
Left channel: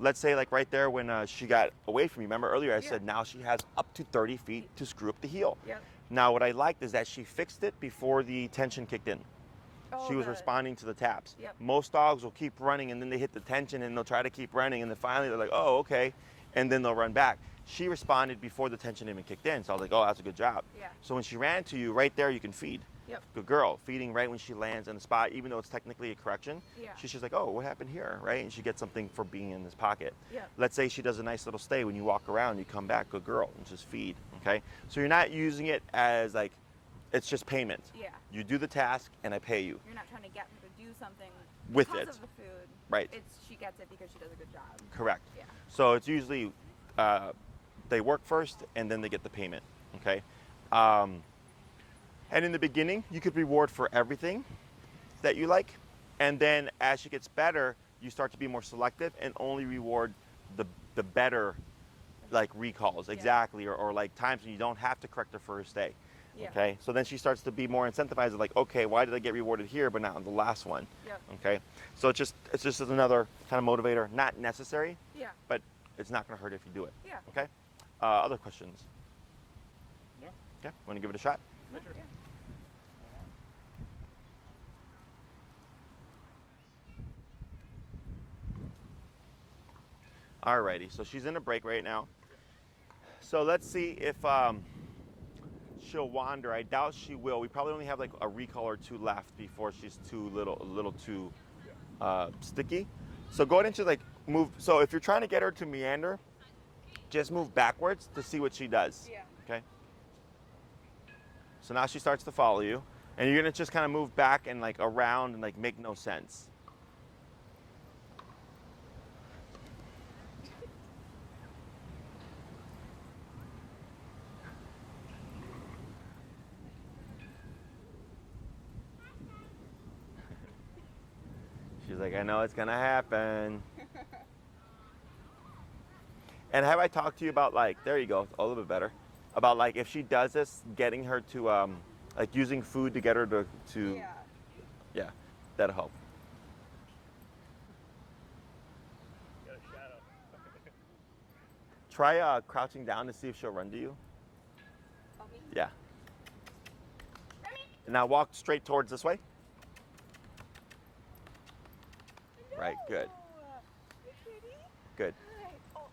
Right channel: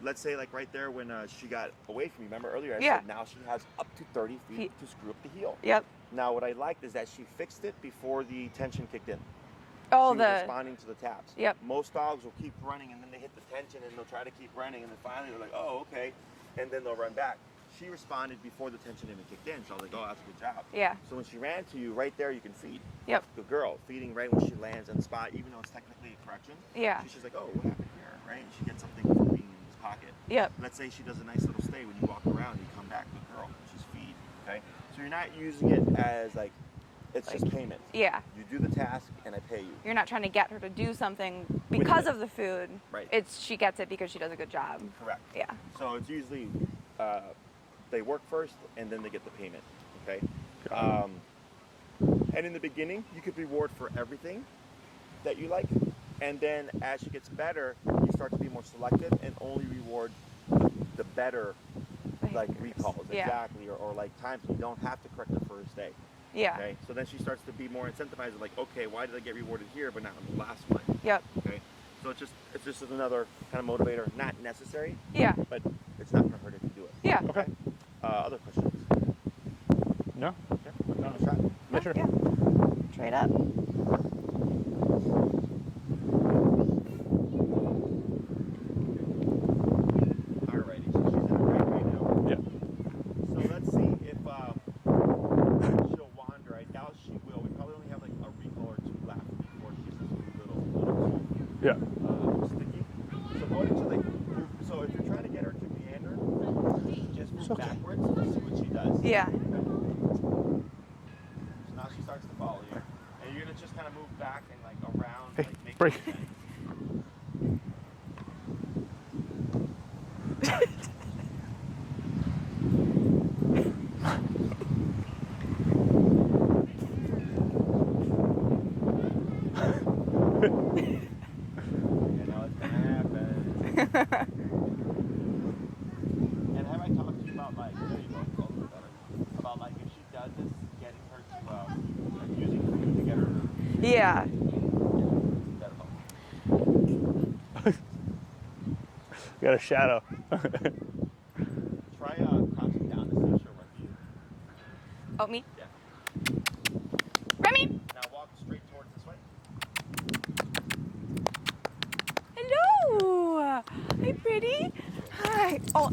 Let's say like right there when she got away from you. Remember earlier I said now she has up to 30 feet to screw up the heel. Yep. Now what I liked is that she fixed it before the tension kicked in. Oh, she was responding to the taps. Yep. Most dogs will keep running and then they hit the tension and they'll try to keep running and then finally they're like, oh, okay, and then they'll run back. She responded before the tension even kicked in, so I was like, oh, that's a good job. Yeah. So when she ran to you, right there you can feed. Yep. Good girl. Feeding right when she lands in the spot, even though it's technically a correction. Yeah. She's just like, oh, what happened here, right? And she gets something from being in this pocket. Yep. Let's say she does a nice little stay when you walk around, you come back, good girl, and just feed, okay? So you're not using it as like, it's just payment. Yeah. You do the task and I pay you. You're not trying to get her to do something With because it. of the food. Right. She gets it because she does a good job. Correct. Yeah. So it's usually, they work first and then they get the payment, okay? And in the beginning, you could reward for everything that you like. And then as she gets better, you start to be more selective and only reward the better, like recalls, Yeah. exactly, or like times when you don't have to correct the first day. Yeah. Okay, so then she starts to be more incentivized, like, okay, why did I get rewarded here, but not on the last one? Yep. Okay, so it's just another kind of motivator, not necessary, Yeah. but it's not gonna hurt if you do it. Yeah. Okay. Other questions? No? Okay, want to give it a shot? Yeah, sure. Yeah. Straight up. Alrighty, so she's in a break right now. Yeah. So let's see if she'll wander. I doubt she will. We probably only have like a recall or two left before she's a little too sticky. So go ahead and just like move. So if you're trying to get her to meander, just move backwards to see what she does. Yeah. Okay. So now she starts to follow you, and you're gonna just kind of move back and like around, like make no break. sense. She's like, I know it's gonna happen. And have I talked to you about like, there you go, a little bit better, about like if she does this, getting her to like using food to get her to Yeah. yeah, that'll help. Got a shadow. Try crouching down to see if she'll run to you. Oh, me? Yeah. Remi! And now walk straight towards this way. Hello! Hi, pretty. Good. Hi. Oh.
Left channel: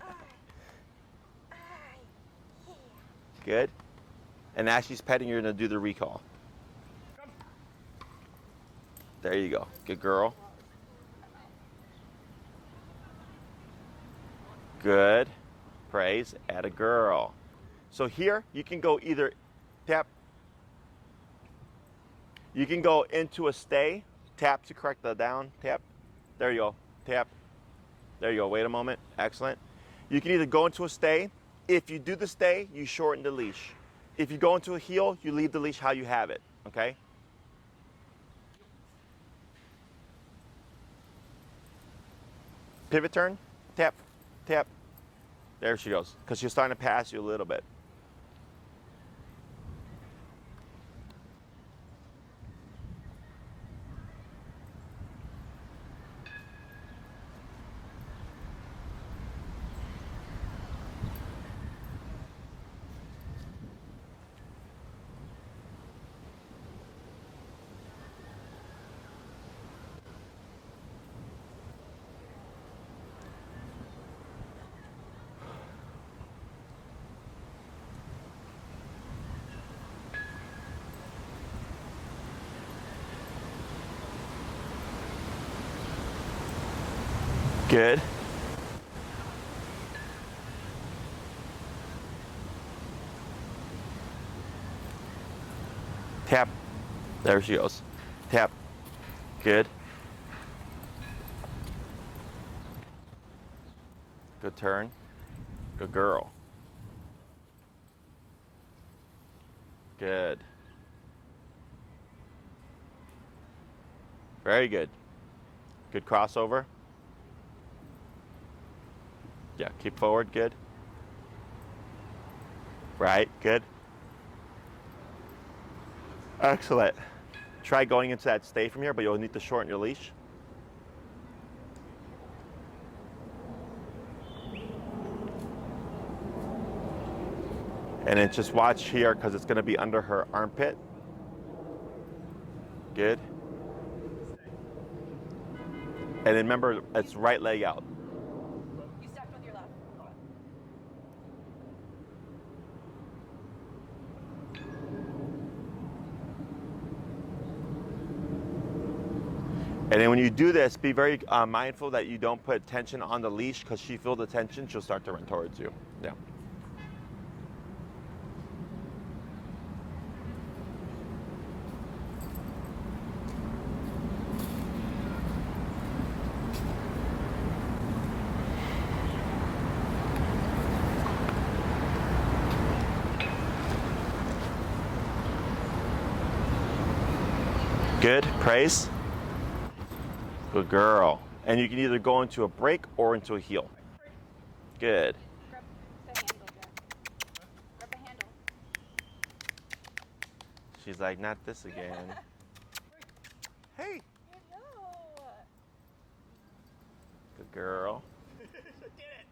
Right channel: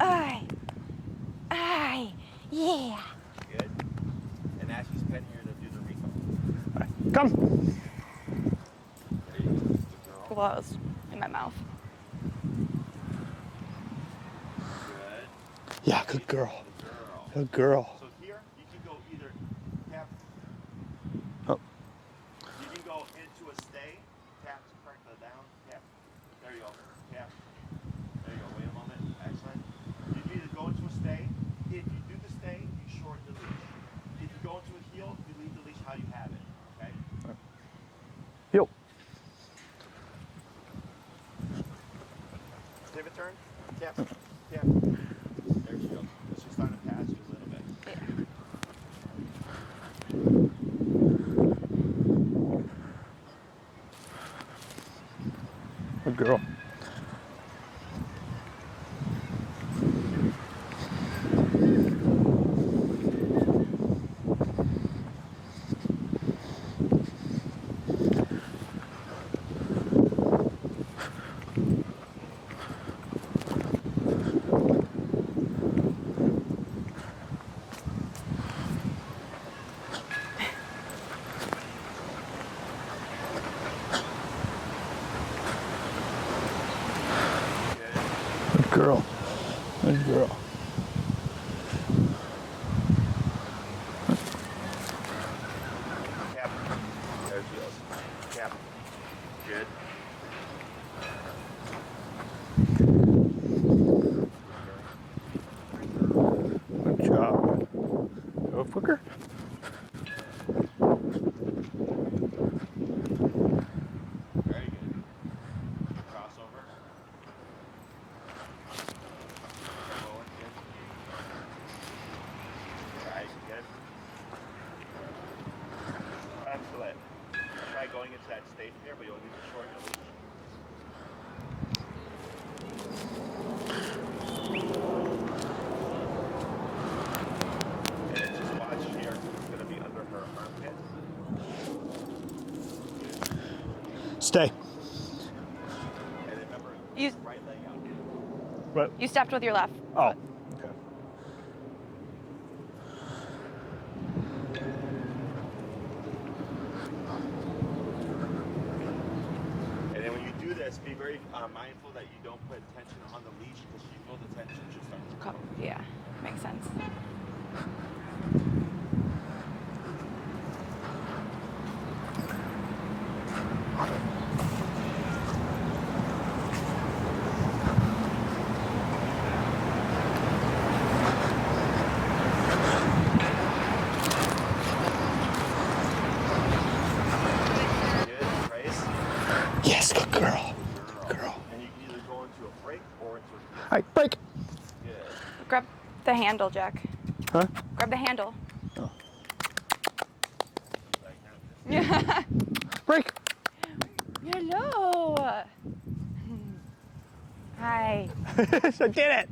Hi. Hi. Yeah. Good. And as she's petting, you're gonna do the recall. Come. There you go. Good girl. Close in my mouth. Good. Yeah, Praise. good girl. At a girl. Good girl. So here you can go either tap. Oh. You can go into a stay, tap to correct the down, tap. There you go. Tap. There you go. Wait a moment. Excellent. You can either go into a stay. If you do the stay, you shorten the leash. If you go into a heel, you leave the leash how you have it. Okay? Heel. Pivot turn. Tap. Tap. There she goes. Because she's starting to pass you a little bit. Yeah. Good girl. Good. Good girl. Good girl. Tap. There she goes. Tap. Good. Good turn. girl. Good job. Go quicker. Good. Very good. Good crossover. Yeah, keep forward, good. Right, good. Excellent. Try going into that stay from here, but you'll need to shorten your leash. And then just watch here because it's going to be under her armpit. Good. Stay. And then remember, it's right leg out. Right. You stepped with your left. Oh. Okay. And then when you do this, be very mindful that you don't put tension on the leash because she feels the tension, she'll start to run towards you. Yeah, makes sense. Good, praise. Yes, good girl. Good girl. And you can either go into a break or into a heel. All right, break. Good. Grab the handle, Jack. Huh? Grab the handle. Oh. She's like, not this again. Break. Hey. Hello. Good girl. Hi. I did it.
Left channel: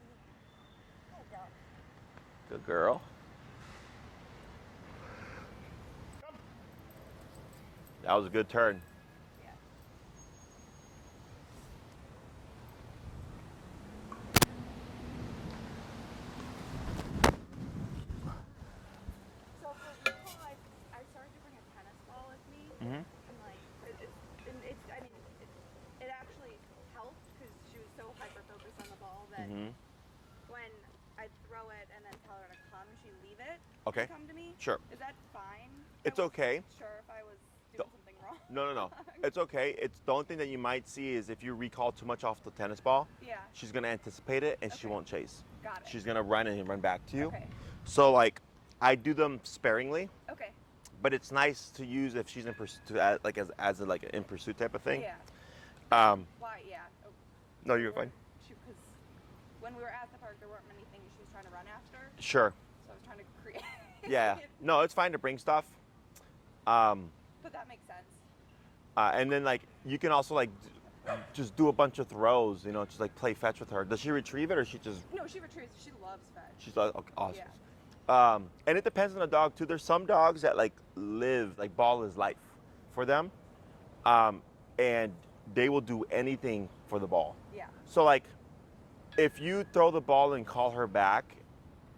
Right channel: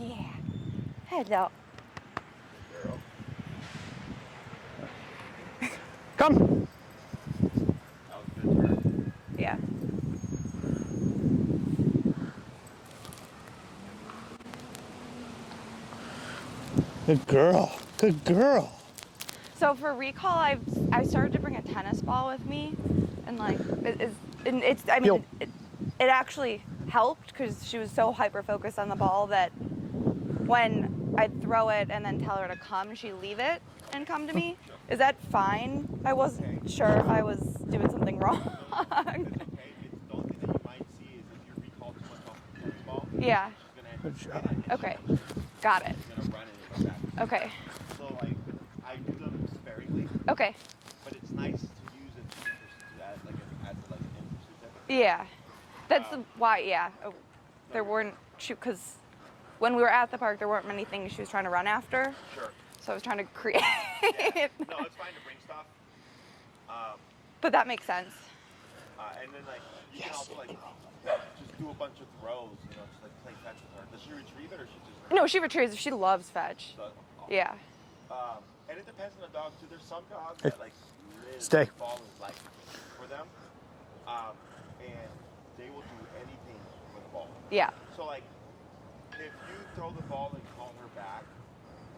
Yeah. Hello. Good girl. Come. That was a good turn. Yeah. Good girl. Good girl. So for recall, I started to bring a tennis ball with me, and like it's I mean Yo. it actually helped because she was so hyper focused on the ball that when I'd throw it and then tell her to come, she'd leave it Okay. and come to me. Sure. Is that fine? I It's wasn't okay. sure if I was doing something wrong. No. It's okay. It's the only thing that you might see is if you recall too much off the tennis ball, Yeah. she's going to anticipate it and Okay. she won't chase. Got it. She's going to run and run back to you. Okay. So like, I do them sparingly, Okay. but it's nice to use if she's in pursuit, like as a, like an in pursuit type of thing. Yeah. That's Um, why. Yeah. Oh, No, there you're weren't because when we were at the park, there weren't many things she was trying to run after. fine. Sure. So I was trying to create. Yeah. No, it's fine to bring stuff. But that makes sense. And then like you can also like just do a bunch of throws, you know, just like play fetch with her. Does she retrieve it or she just? No, she retrieves. She loves fetch. Okay, awesome. Yeah. And it depends on the dog too. There's some dogs that like live, Stay. like ball is life for them, and they will do anything for the ball. Yeah. So like, if you throw the ball and call her back,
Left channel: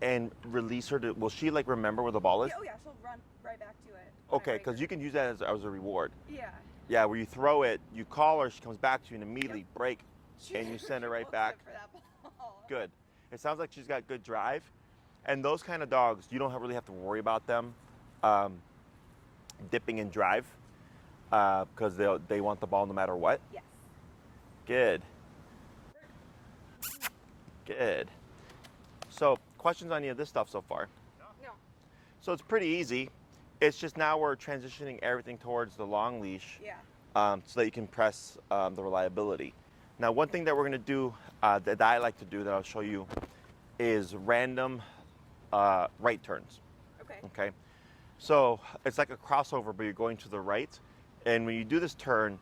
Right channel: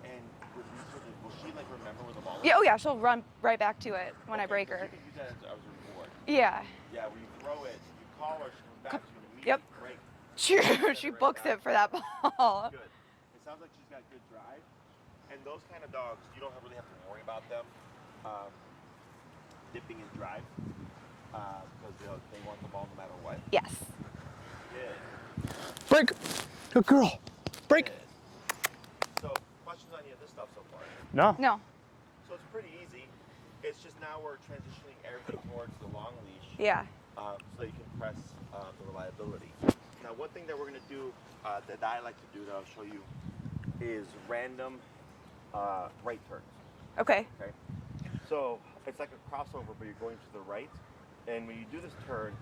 and release her, will she like remember where the ball is? Yeah. Oh yeah. She'll run right back to it when I Okay, break her. because you can use that as a reward. Yeah. Yeah, where you throw it, you call her, she comes back to you and immediately break. She Send it she right books back. it for that ball. Good. It sounds like she's got good drive, and those kind of dogs, you don't really have to worry about them dipping in drive because they want the ball no matter what. Yes. Good. Break. Good girl. Break. Good. So, questions on any of this stuff so far? No. No. So it's pretty easy. It's just now we're transitioning everything towards the long leash Yeah. so that you can press the reliability. Now, one thing that we're going to do that I like to do that I'll show you is random right turns. Okay. Okay. So it's like a crossover, but you're going to the right. And when you do this turn,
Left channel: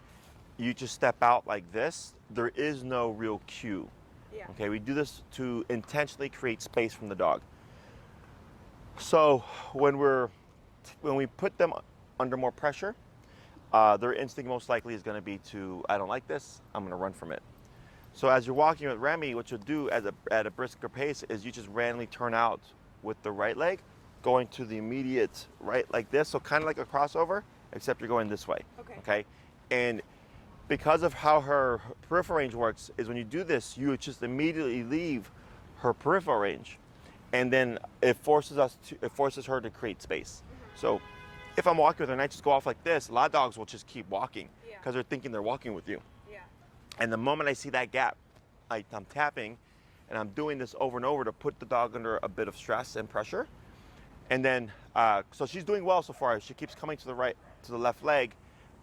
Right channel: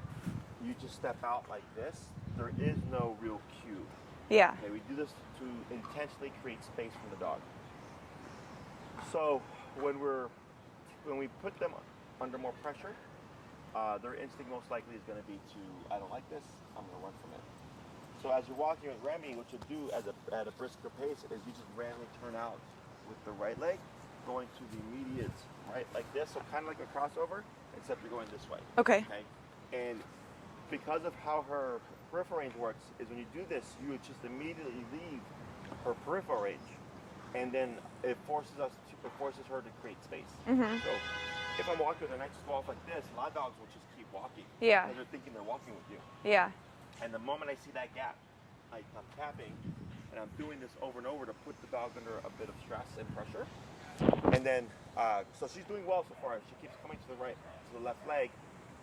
you just step out like this. There is no real cue. Yeah. Okay, we do this to intentionally create space from the dog. So when we put them under more pressure, their instinct most likely is going to be to, I don't like this, I'm going to run from it. So as you're walking with Remi, what you'll do at a brisker pace is you just randomly turn out with the right leg, going to the immediate right like this, so kind of like a crossover, except you're going this way. Okay. Okay, and because of how her peripheral range works, is when you do this, you just immediately leave her peripheral range, and then it forces her to create space. So if I'm walking with her and I just go off like this, a lot of dogs will just keep walking. Yeah. Because they're thinking they're walking with you. Yeah. And the moment I see that gap, I'm tapping, and I'm doing this over and over to put the dog under a bit of stress and pressure. And then, so she's doing well so far. She keeps coming to the left leg,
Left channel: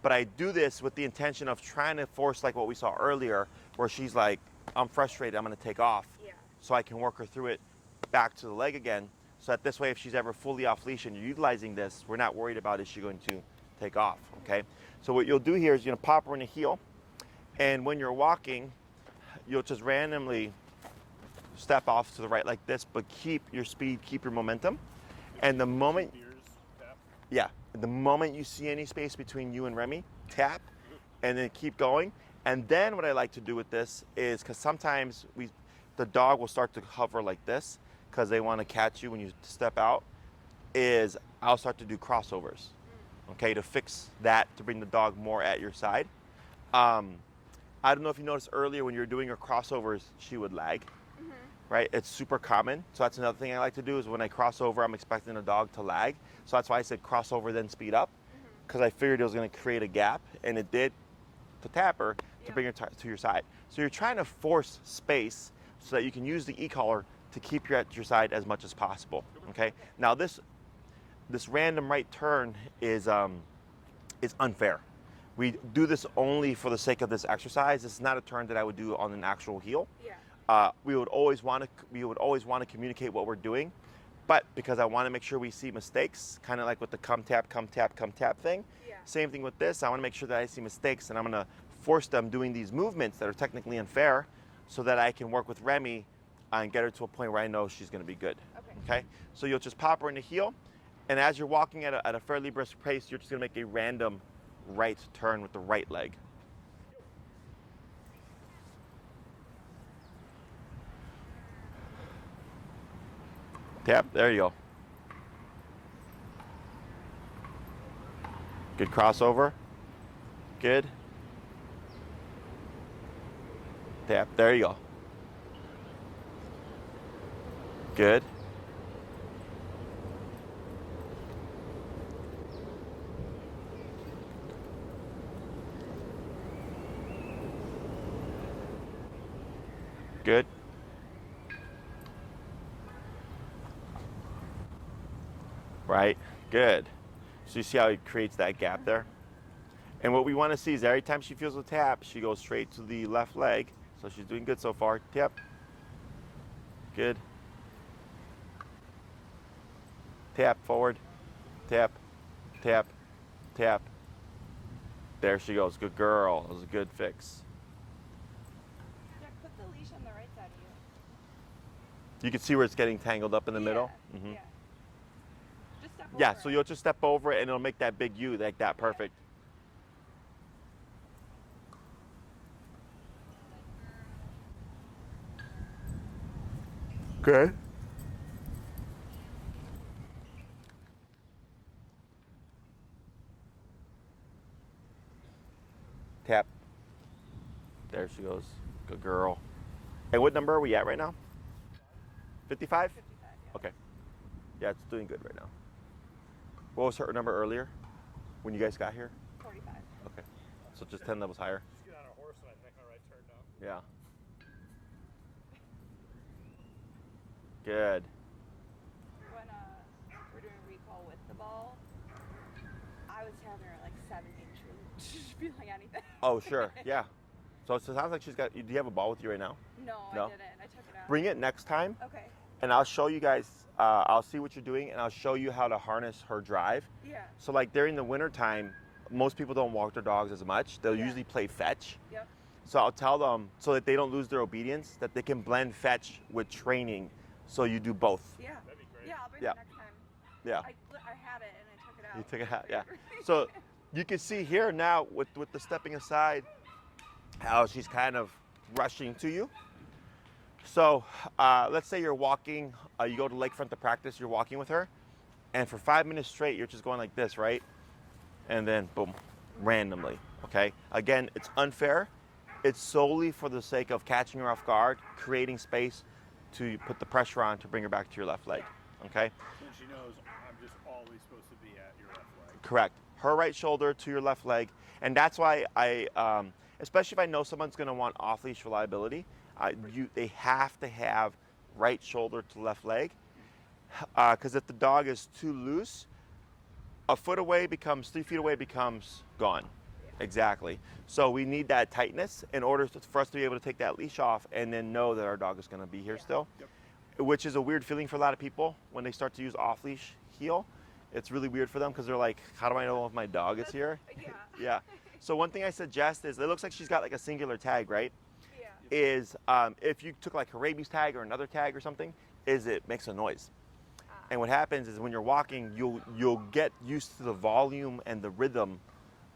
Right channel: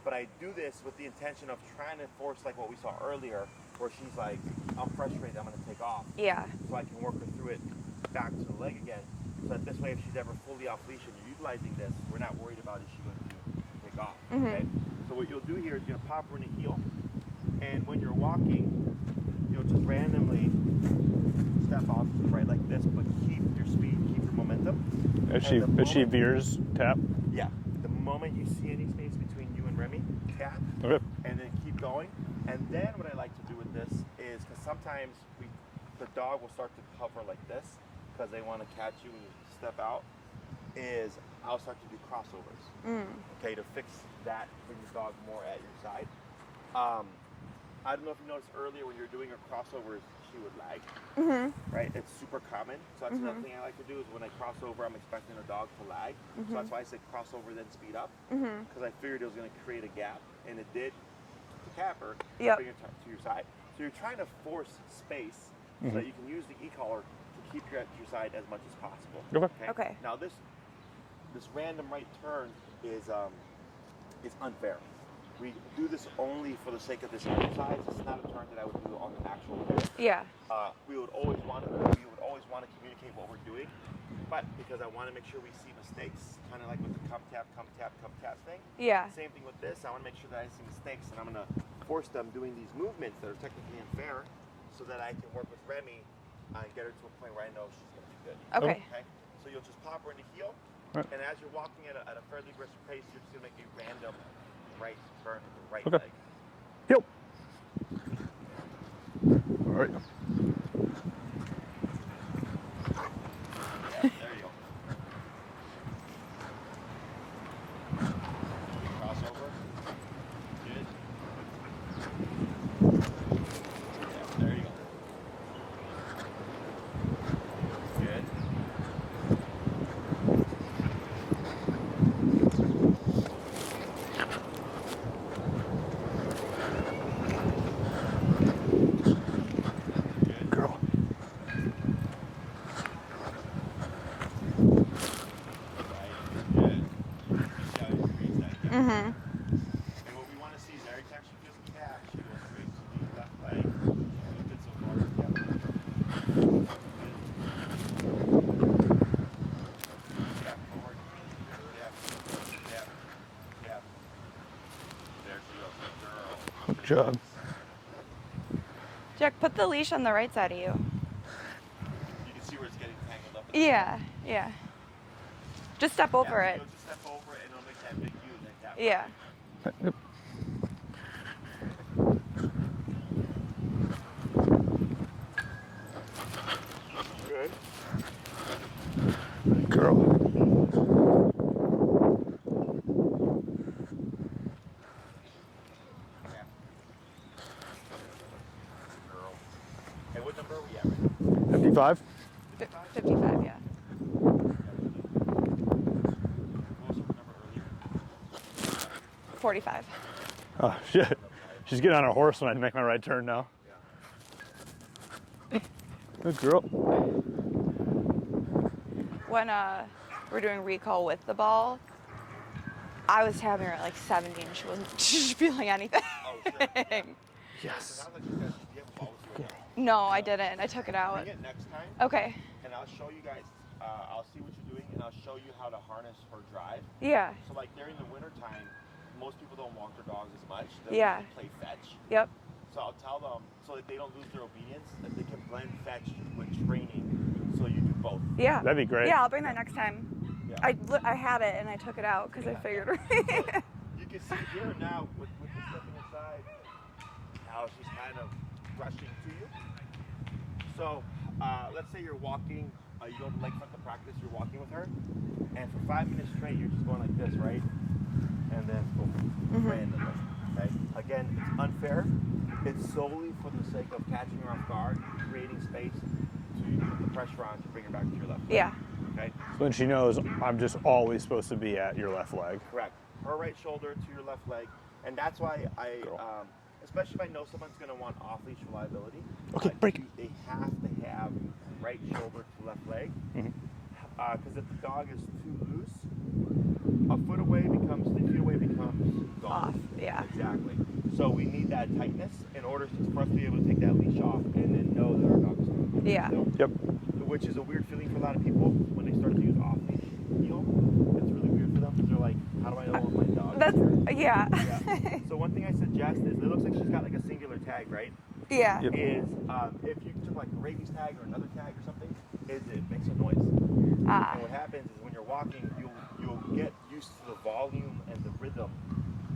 but I do this with the intention of trying to force, like what we saw earlier, where she's like, I'm frustrated, I'm gonna take off. Yeah. So I can work her through it back to the leg again. So that this way, if she's ever fully off leash and you're utilizing this, we're not worried about is she going to take off, okay? So what you'll do here is you're gonna pop her in the heel, and when you're walking, you'll just randomly step off to the right like this, but keep your speed, keep your momentum. If she veers, tap. Yeah, the moment you see any space between you and Remi, tap, Okay. and then keep going. And then what I like to do with this is, because sometimes the dog will start to hover like this, because they want to catch you when you step out, is I'll start to do crossovers, okay, to fix that, to bring the dog more at your side. I don't know if you noticed earlier when you were doing her crossovers, she would lag, right? It's super common. So that's another thing I like to do is when I cross over, I'm expecting the dog to lag. So that's why I said crossover, then speed up, because I figured it was going to create a gap, and it did to tap her, to bring her to your side. So you're trying to force space so that you can use the e-collar to keep you at your side as much as possible. Okay. Okay. Now this random right turn is unfair. We do this only for the sake of this exercise. This is not a turn that I would do on an actual heel. Yeah. We would always want to communicate what we're doing, but because I want to make sure we see mistakes, kind of like with the come tap thing. Yeah. Same thing with this. I want to make sure that I see mistakes, and I'm going to force them doing these movements that are technically unfair, so that I can work with Remi and get her to a point where I know she's going to be good. Okay. Okay. So you'll just pop her in the heel, Right. and as you're walking at a fairly brisk pace, you're just going to make a random right turn with the right Okay. leg. Yep. All right. Yep, there you go. Good crossover. Good. Yep, there you go. Good. Good. Girl. Right. Good. So you see how he creates that gap there? And what we want to see is every time she feels a tap, she goes straight to the left leg. So she's doing good so far. Yep. Good. Tap forward. Tap. Tap. Tap. There she goes. Good girl. It was a good job. fix. Jack, put the leash on the right side of you. You can see where it's getting tangled up in the Yeah. middle. Yeah. Just step over Yeah, so it. you'll just step over it and it'll make that big U like that. Yeah. Perfect. Okay. Girl. Tap. There she goes. The girl. And what number are we at right now? 55. 55? 55, yeah. Okay. Yeah, it's doing good. What was her number earlier when you guys got here? 45. Oh, shit. 10 levels higher. She's getting on her horse when I make my right turn now. Yeah. Good girl. Good. When we're doing recall with the ball, I was tapping her at like 70 and she wasn't feeling anything. Oh, sure. Yeah. So it sounds like she's got. Do you have a ball with you right now? No, I No. didn't. I took it out. Bring it next time, Okay. and I'll show you guys. I'll see what you're doing, and I'll show you how to harness her drive. Yeah. So, like during the winter time, most people don't walk their dogs as much. They'll Yeah. usually play fetch. Yep. So I'll tell them so that they don't lose their obedience, that they can blend fetch with training. So you do both. Yeah. That'd be great. Yeah, I'll bring Yeah. that next time. Yeah. I had it and I took it out took because it I out, figured. yeah. So you can see here now with the stepping aside, how she's kind of rushing to you. So let's say you're walking, you go to lakefront to practice, you're walking with her, and for 5 minutes straight, you're just going like this, right? And then boom, randomly, okay? Again, it's unfair. It's solely for the sake of catching her off guard, creating space to put the pressure on to bring her back to your left leg. Yeah. Okay? Then she knows I'm just always supposed to be at your left leg. Correct. Her right shoulder to your left leg. And that's why especially if I know someone's going to want off-leash reliability. Okay, break. They have to have right shoulder to left leg, because if the dog is too loose, a foot away becomes 3 feet away becomes gone. Off, yeah. Exactly. So we need that tightness in order for us to be able to take that leash off and then know that our dog is going to be here Yeah. still. Yep. Which is a weird feeling for a lot of people when they start to use off-leash heel. It's really weird for them because they're like, how do I know if my dog is here? Yeah. Yeah. So one thing I suggest is, it looks like she's got like a singular tag, right? Yeah. Yep. Is if you took like a rabies tag or another tag or something, is it makes a noise. Ah. And what happens is when you're walking, you'll get used to the volume and the rhythm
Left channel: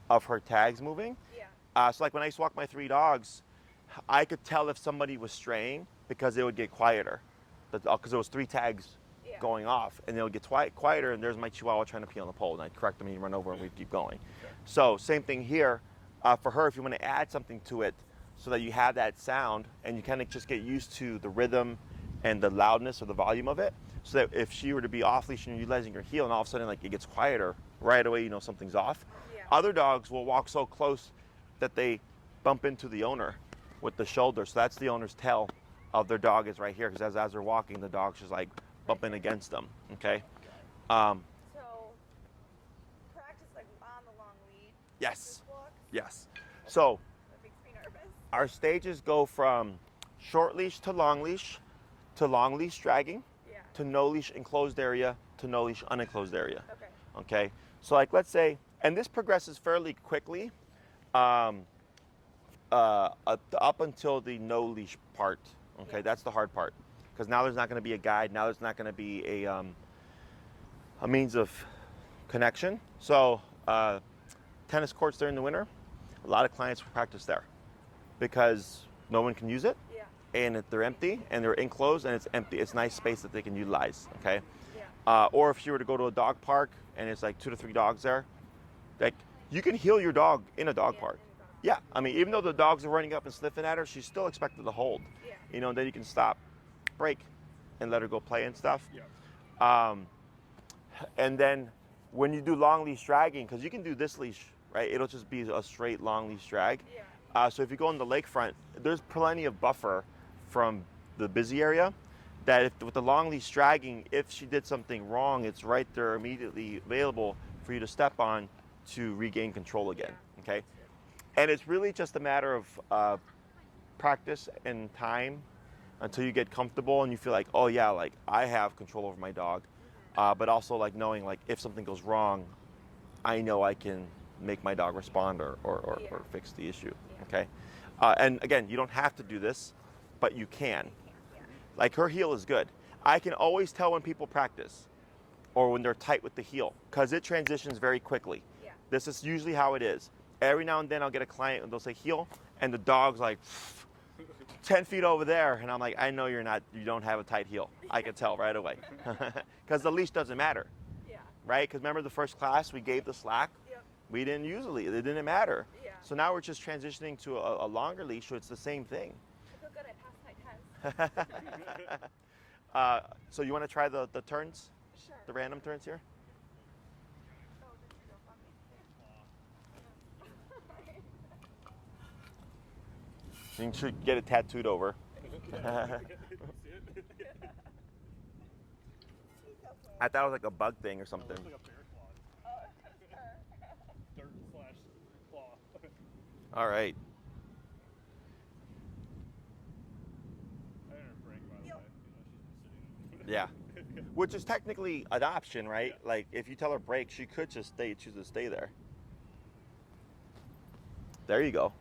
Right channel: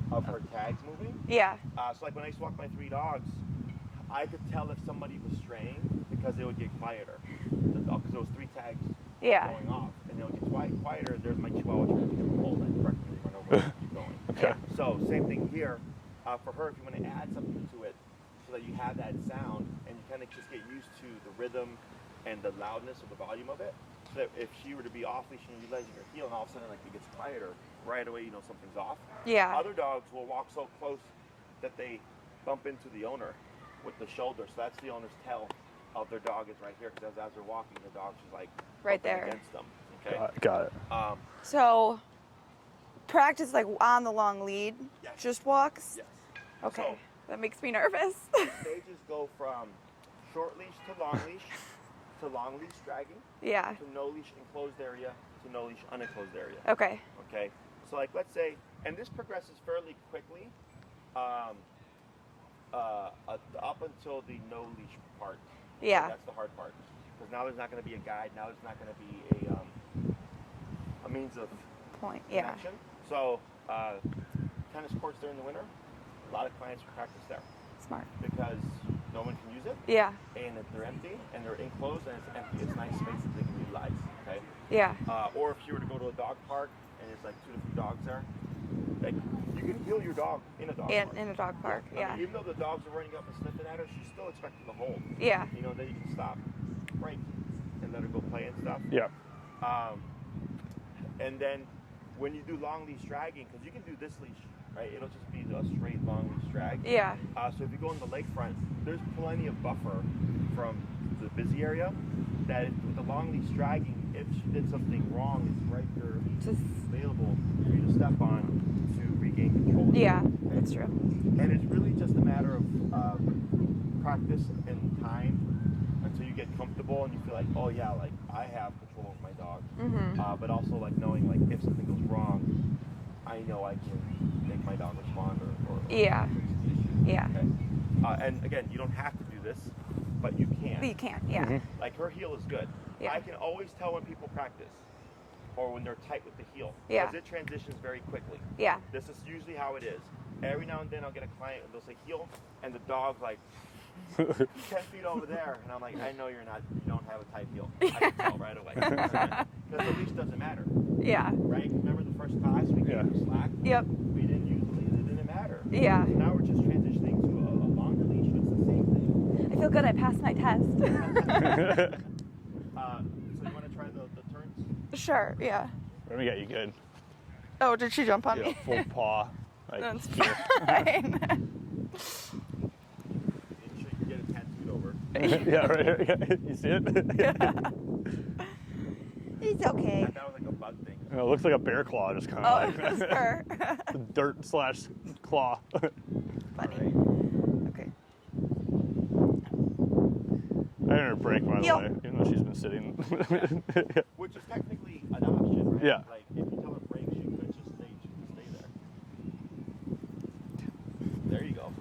of her tags moving. Yeah. So like when I used to walk my 3 dogs, I could tell if somebody was straying because they would get quieter. Because there was 3 tags Yeah. going off, and they'll get quieter, and there's my Chihuahua trying to pee on the pole, and I correct them, and you run over and keep going. Okay. So same thing here. For her, if you want to add something to it so that you have that sound, and you kind of just get used to the rhythm and the loudness or the volume of it, so that if she were to be off-leash and you're utilizing her heel, and all of a sudden like it gets quieter, right away you know something's off. Yeah. Other dogs will walk so close that they bump into the owner with the shoulder, so that's the owner's tell of their dog is right here, because as they're walking, the dog's just like Right bumping there. against them. Okay. Got it. So, practice like on the long lead. Yes. Just walks. Yes. Okay. So That makes me nervous. our stages go from short leash to long leash dragging, Yeah. to no leash enclosed area, to no leash unenclosed area. Okay. Okay. So like let's say, and this progresses fairly quickly, up until the no leash part. Okay? Yeah. That's the hard part, because now there's not going to be a guide. Now there's not going to be a means of Point. connection. So tennis courts during the winter, a lot of clients will practice there Yeah. Smart. because no one can use it, Yeah. and if they're empty and they're enclosed and it's empty, it's nice space that they can utilize. Okay. Yeah. Or if you were to go to a dog park and it's like 2 to 3 dogs there, like you can heel your dog in a dog park. In a dog Yeah, park. I mean, even though the dogs are running up and sniffing at her, she's still expected to hold. Yeah. You know, and then you can stop, break, and let her go play and stuff. Yeah. And then when you do long leash dragging, because you can do this leash, right? It'll just be a straight long leash drag. Yeah. So if you go on the lakefront, there's plenty of buffer from the busy area that if, with the long leash dragging, if she did something wrong, it's right there immediately available for you to step on to regain control again. Yeah. Okay. That's true. And it's really just a matter of practice and time until you get comfortable and you feel like, oh yeah, like I have control over my dog. Mm-hmm. But also like knowing like if something goes wrong, I know I can make my dog respond or Yeah. fix the issue. Yeah. Okay. And again, you don't have to do this, but you can. You can. Yeah. Mm-hmm. Like her heel is good. Yeah. I can always tell when people practice or when they're tight with the heel because Yeah. it transitions very quickly. Yeah. This is usually how it is. Every now and then I'll get a client and they'll say heel and the dog's like 10 feet over there and I'm like, I know you don't have a tight heel. I can tell right away. Because the leash doesn't matter, Yeah. right? Because remember the first class we gave the slack? Yep. We didn't use a leash. It didn't matter. Yeah. So now we're just transitioning to a longer leash, so it's the same thing. I feel good. I passed my test. So you want to try the turns? Sure. The random Yeah. turns here? Remi got you good. Oh, did she jump on Yeah, me? full paw. Like, That's here. fine. You should get it tattooed over. Yeah, right. You see it? It's okay. I thought it was like a bug thing or No, something. it looks like a bear claw, just kind Oh, of it was like her. dirt/claw. All right. Okay. I didn't her break, by the Yo. way, even though she's been sitting. Yeah. Which is technically an option, right? Yeah. Like if you tell her break, she could just choose to stay there. There you go.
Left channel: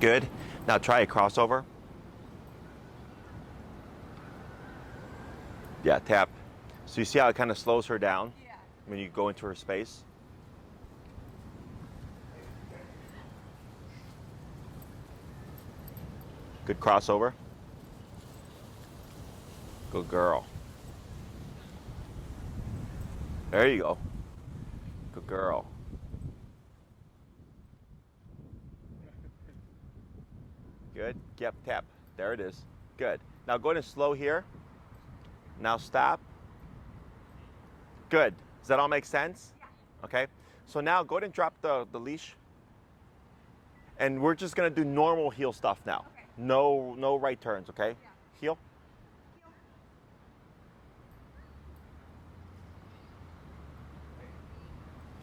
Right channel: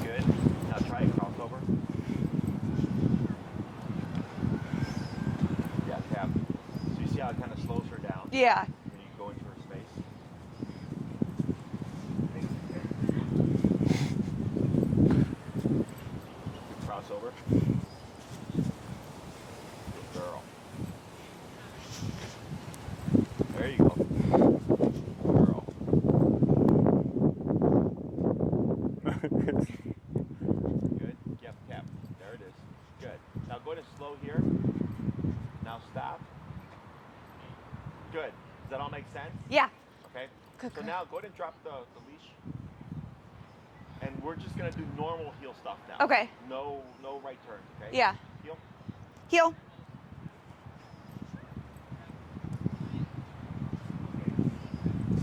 Good. Now try a crossover. Yeah, tap. So you see how it kind of slows her down Yeah. when you go into her space? Good crossover. Good girl. There you go. Good girl. Good. Yep, tap. There it is. Good. Now go ahead and slow here. Now stop. Good. Does that all make sense? Yeah. Okay. Good, So good. now go ahead and drop the leash. And we're just gonna do normal heel stuff now. Okay. No right turns, okay? Yeah. Heel. Heel.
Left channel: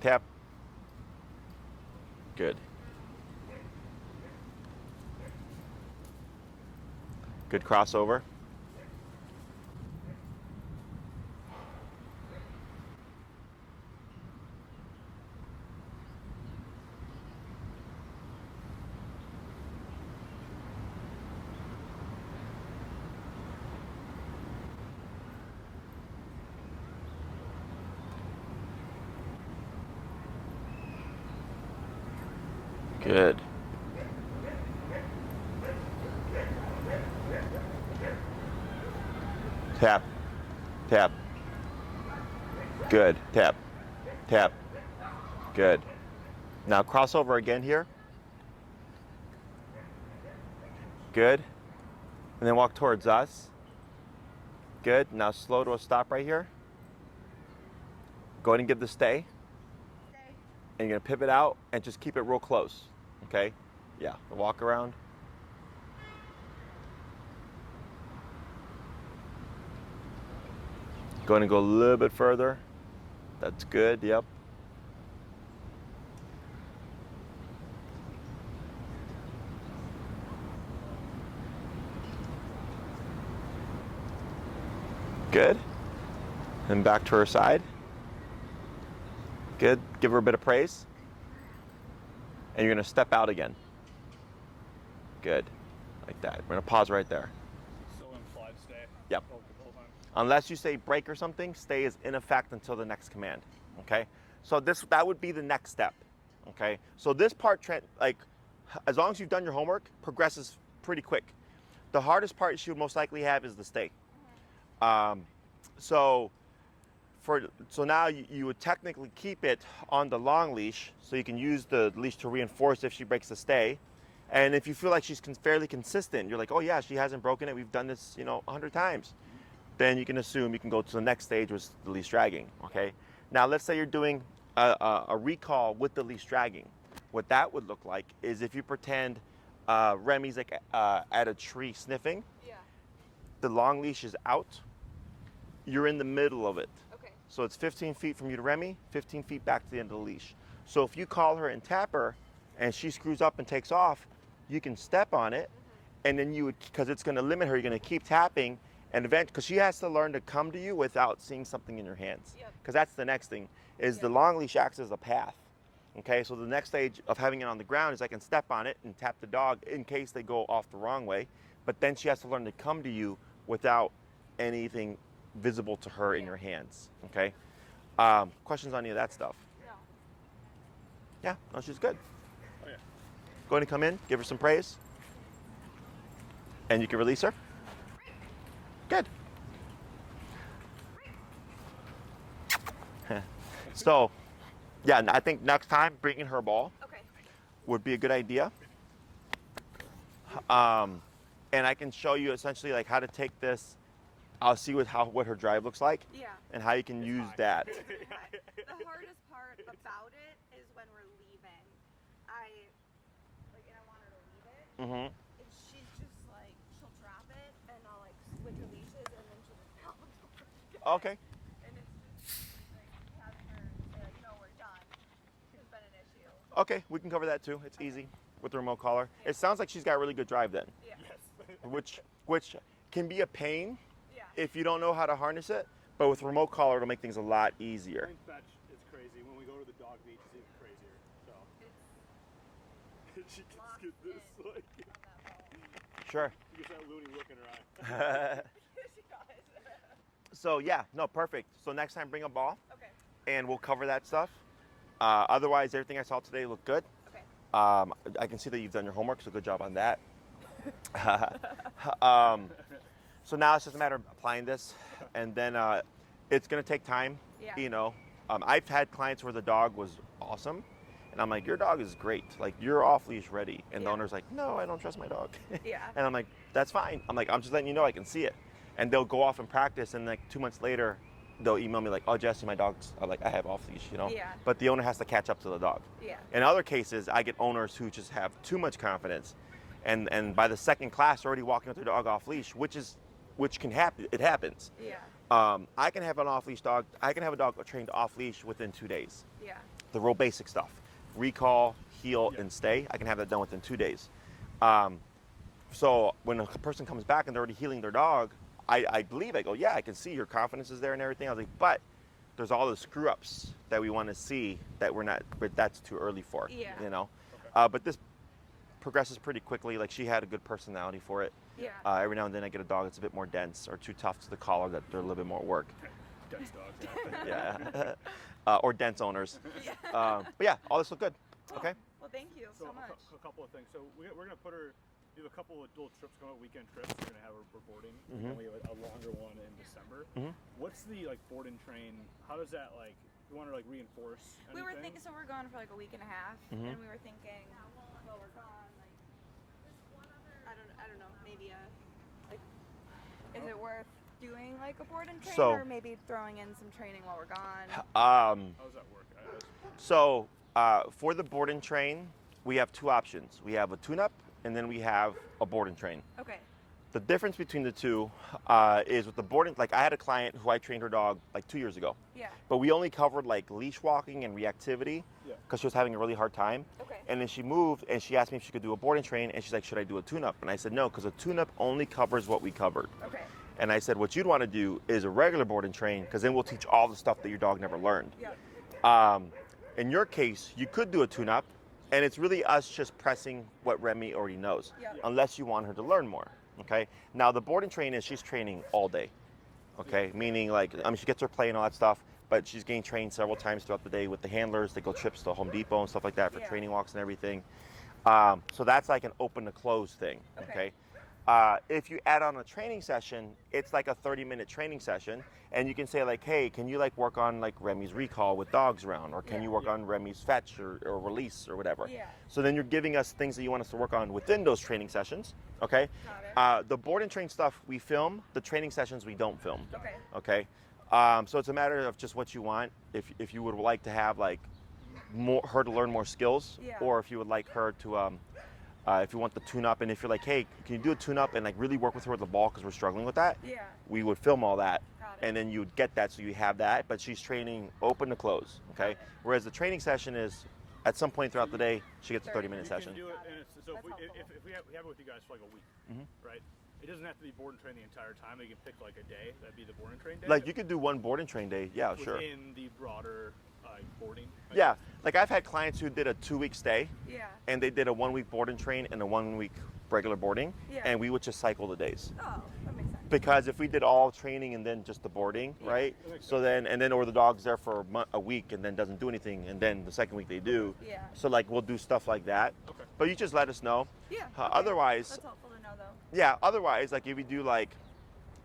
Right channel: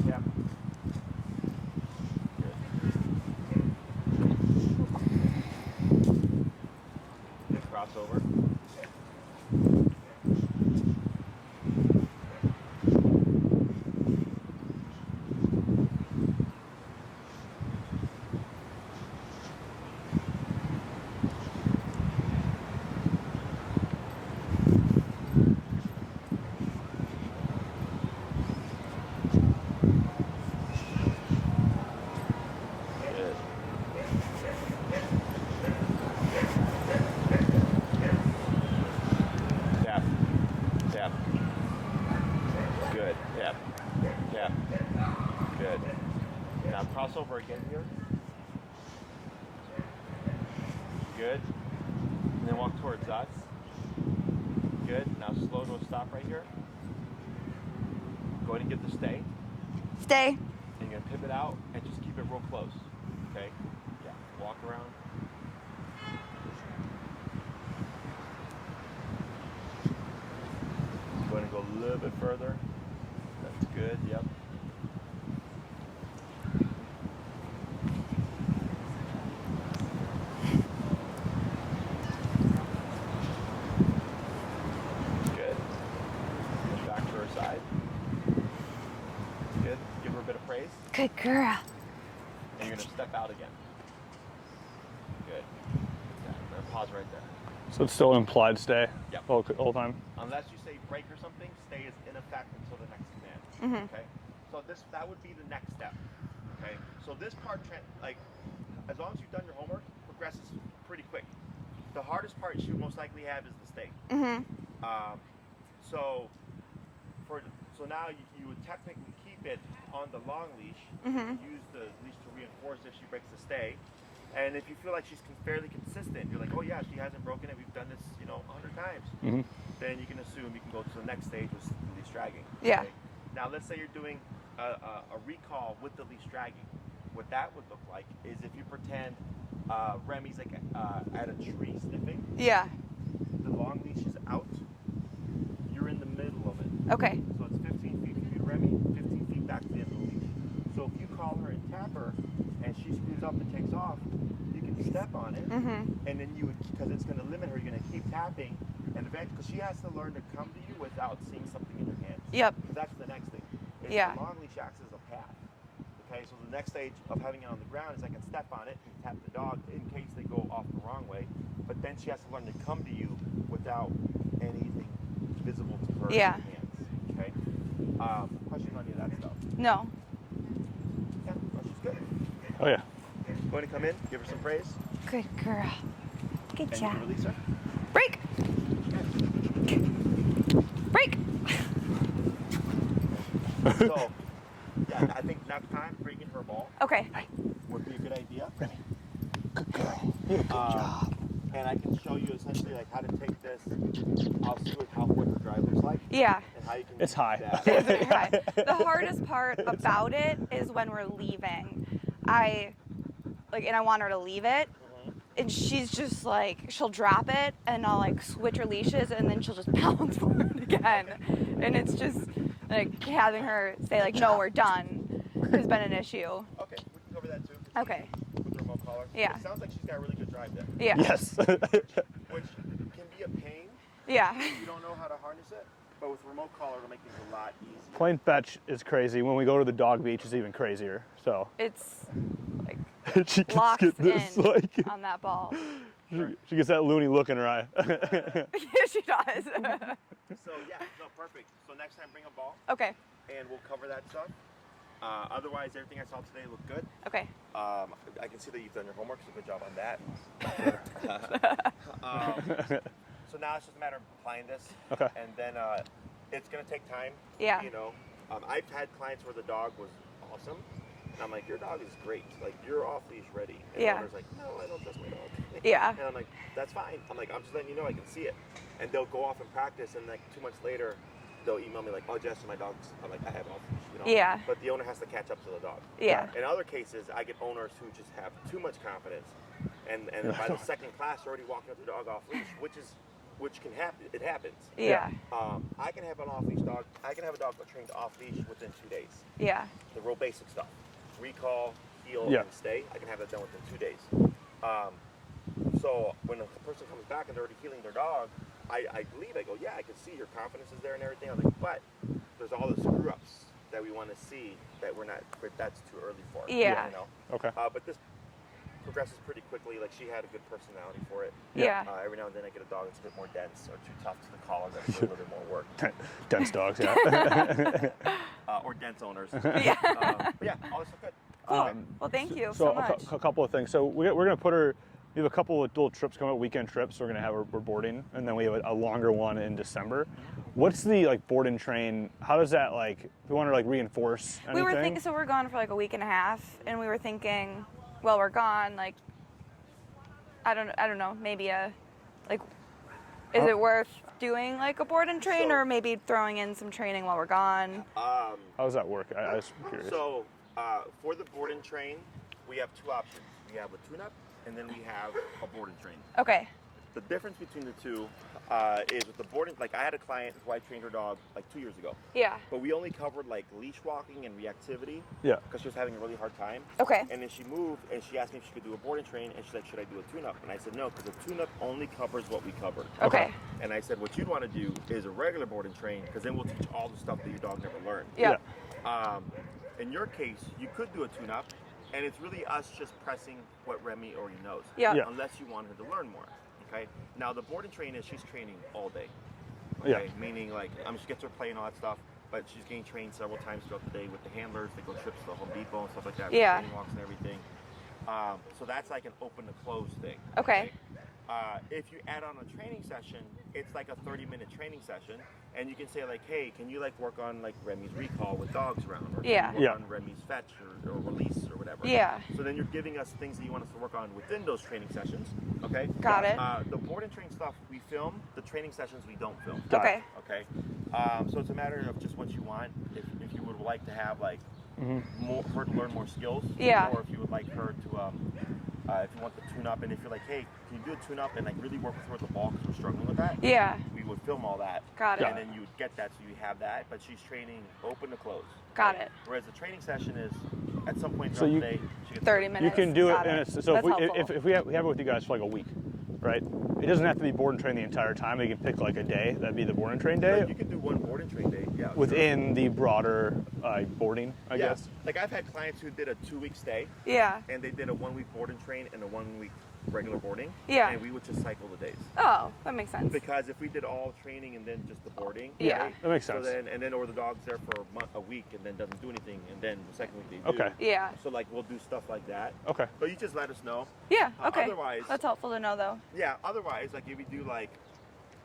Tap. Good. Good crossover. Good. Tap. Tap. Good. Tap. Tap. Good. Now crossover again here. Good. And then walk towards us. Good. Now slow to a stop right here. Go ahead and give the stay. Stay. And you're gonna pivot out and just keep it real close. Okay? Yeah. Walk around. Go ahead and go a little bit further. That's good. Yep. Good. And back to her side. Good. Give her a bit of praise. Good girl. And you're gonna step out again. Good. Like that. We're gonna pause right there. So it's still implied stay. Yep. All time. Unless you say break or something, stay is in effect until the next command. Okay? So that would be the next step. Okay? So this part, like, as long as you've done your homework, progresses pretty quick. The hardest part she would most likely have is the stay. So now you would technically keep it on the long leash, so you can use the leash to reinforce if she breaks the stay. And if you feel like she's fairly consistent, you're like, oh yeah, she hasn't broken it. We've done this, 100 times. Then you can assume you can go to the next stage with the leash dragging. Okay? Yeah. Now let's say you're doing a recall with the leash dragging. What that would look like is if you pretend Remi's like at a tree sniffing, Yeah. the long leash is out. You're in the middle of it. Okay. So it's 15 feet from you to Remi, 15 feet back to the end of the leash. So if you call her and tap her, and she screws up and takes off, you can step on it, and then you would, because it's going to limit her, you're going to keep tapping, and eventually, because she has to learn to come to you without seeing something in your hands. Yep. Because that's the next thing, is Yeah. the long leash acts as a path. Okay, so the next stage of having it on the ground is I can step on it and tap the dog in case they go off the wrong way, but then she has to learn to come to you without anything visible to her Yeah. in her hands. Okay. Questions on any of that stuff? No. Yeah, no, she's good. Oh yeah. Go ahead and come in, give her some praise, Good girl. Good and you job. can release her. Break. Good. Break. So, yeah, I think next time bringing her ball Okay. would be a good idea. Remi. Good girl. And I can show you essentially like how to take this. I'll see what her drive looks like Yeah. and how you can It's use high. that. It's very high. The hardest part about it is when we're leaving. And I want her to leave it, and she's just like, she'll drop it, and I'll like switch her leashes, and then she'll just pounce forward again. Okay. And it's just like having her say like, no, we're done, has been an issue. Okay, we can cover that too. It's Okay. easy with the remote collar. Yeah. It sounds like she's got really good drive then, Yeah. Yes. which can be a pain Yeah. if you don't know how to harness it. But with remote collar, it'll make things a lot easier. Playing fetch is crazy. When we go to the dog beach, it's even crazier. So It's like she can locks get this in like. on that ball. Sure. She gets that loony look in her eye. Yeah, she does. So yeah, no, perfect. So next time bring a ball, Okay. and we'll cover that stuff. Otherwise, everything I saw today looked good. Okay. I can see that you've done your homework, so good job on that. So now it's just a matter of applying this, Okay. and then it's gonna take time. Yeah. I've had clients where the dog was awesome, and I'm like, your dog is great. Like, you're off-leash ready. And the owner's like, no, I don't trust my dog. Yeah. And I'm like, that's fine. I'm like, I'm just letting you know I can see it. And they'll go off and practice, and like 2 months later, they'll email me like, oh, Jesse, my dog's, like, I have off-leash, you know? Yeah. But the owner has to catch up to the dog. Yeah. In other cases, I get owners who just have too much confidence, and by the second class, they're already walking with their dog off-leash, which can happen. It happens. Yeah. I can have an off-leash dog. I can have a dog trained off-leash within 2 days. Yeah. The real basic stuff. Recall, heel, Yeah. and stay. I can have that done within 2 days. So when a person comes back and they're already healing their dog, I believe, I go, yeah, I can see your confidence is there and everything. I was like, but there's all the screw-ups that we want to see that that's too early for. Yeah. You know? Okay. But this progresses pretty quickly. Like, she had a good personality for it. Yeah. Every now and then I get a dog that's a bit more dense or too tough to the collar, that's a little bit more work. Dense dogs, yeah. Or dense owners. Yeah. But yeah, all this look good. Cool. Okay. Well, thank you So so much. a couple of things. So we're going to put her. We have a couple of little trips coming up, weekend trips. We're going to have her boarding, and then we have a longer one in December. What's the board and train? How does that if we want to reinforce anything? We were thinking, so we're gone for like a week and a half, and we were thinking, well, we're gone. Like, I don't know. Maybe is it worth doing like a board and train, So- or maybe throwing in some training while we're gone? How does that work? I was curious. So for the board and train, we have two options. We have a tune-up, and then we have a board and train. Okay. The difference between the two is with the board and, I had a client who I trained her dog 2 years ago, Yeah. but we only covered leash walking and reactivity Yeah. because she was having a really hard time. Okay. And then she moved and she asked me if she could do a board and train, and she's like, should I do a tune-up? And I said no, because a tune-up only covers what we covered. Okay. And I said what you'd want to do is a regular board and train, because then we'll teach all the stuff that your dog never learned. Yeah. In your case, you could do a tune-up, and it's really us just pressing what Remi already knows. Yeah. Yeah. Unless you want her to learn more. Okay. Now the board and train is she's training all day. Okay. Yeah. Meaning she gets her play and all that stuff, but she's getting trained several times throughout the day with the handlers. They go trips to Home Depot and stuff like that for Yeah. training walks and everything. So that's like an open to close thing. Okay. If you add on a training session, it's like a 30-minute training session, and you can say hey, can you work on Remi's recall with dogs around, or can Yeah. you work Yeah. on Remi's fetch or release or whatever. Yeah. So then you're giving us things that you want us to work on within those training sessions. Okay. Got it. The board and train stuff we film. The training sessions we don't film. Okay. Okay. So it's a matter of just what you want. If you would like to have her to learn more skills, Yeah. or if you would like her to if you want the tune-up, and if you're hey, can you do a tune-up and really work with her with the ball because we're struggling with that, Yeah. we would film all that. Got it. And then you would get that, so you have that, but she's training open to close. Got it. Whereas the training session is, at some point So throughout you- the day, she gets 30 You minutes. can do it, Got and it. it's, so That's if helpful. we have it with you guys for a week, right? It doesn't have to be board and train the entire time. We can pick a day. That'd be the board and train day You could do one board and train day, yeah. sure. within the broader boarding, I Yeah, guess. I've had clients who did a 2-week stay, Yeah. and they did a 1-week board and train and a 1-week regular boarding. Yeah. And we would just cycle the days. Oh, that makes sense. Because if we did all training and then just the boarding, Yeah. right? That makes So sense. or the dog's there for a week and then doesn't do anything, and then the second week they do. Okay. Yeah. So we'll do stuff like that. Okay. But you just let us know. Yeah. Okay. Otherwise, That's helpful to know, though. yeah. Otherwise, if you do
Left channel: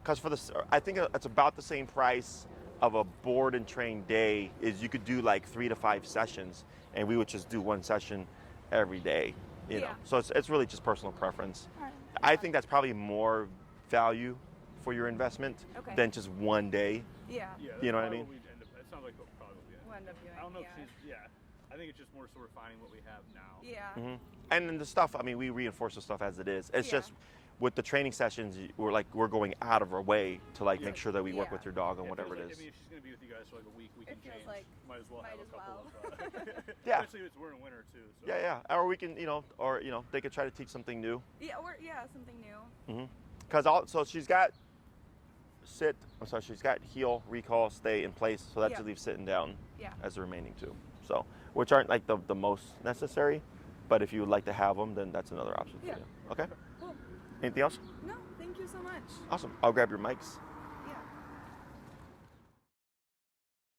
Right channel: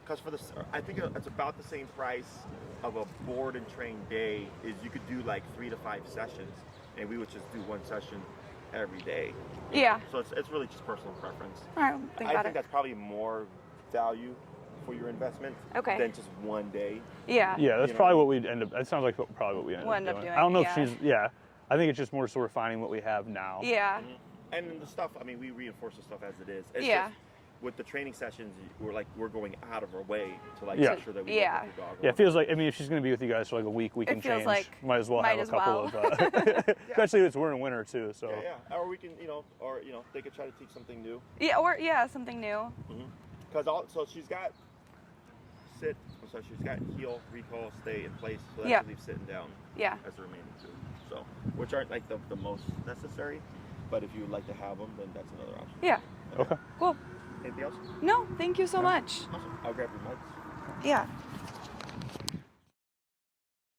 because for I think it's about the same price of a board and train day is you could do 3 to 5 sessions, and we would just do one session every day. you know. Yeah. So it's really just personal preference. All right. I think that's probably more value for your investment Okay. than just one day. Yeah. Yeah, that's You know probably what I what we'd end up. That sounds like probably what we We'll end up doing, I don't know yeah. if she's. Yeah, I think it's just more so we're finding what we have now. Yeah. And then the stuff, we reinforce the stuff as it is. It's Yeah. just with the training sessions, we're going out of our way to Yeah. make sure that we work Yeah. with your dog. or Yeah, it feels whatever like. I mean, if she's going to be with you guys for a week, we It can feels change. like might as well might have as a couple well. of. Yeah. Especially if we're in winter too. So. Yeah. Or we can, they could try to teach something new. Yeah. Or something new. So she's got she's got heel, recall, stay in place. So that Yeah. should leave sitting down Yeah. as the remaining two. So, which aren't the most necessary, but if you would like to have them, then that's another option. Yeah. Okay. Cool. Anything else? No, thank you so much. Awesome. I'll grab your mics. Yeah.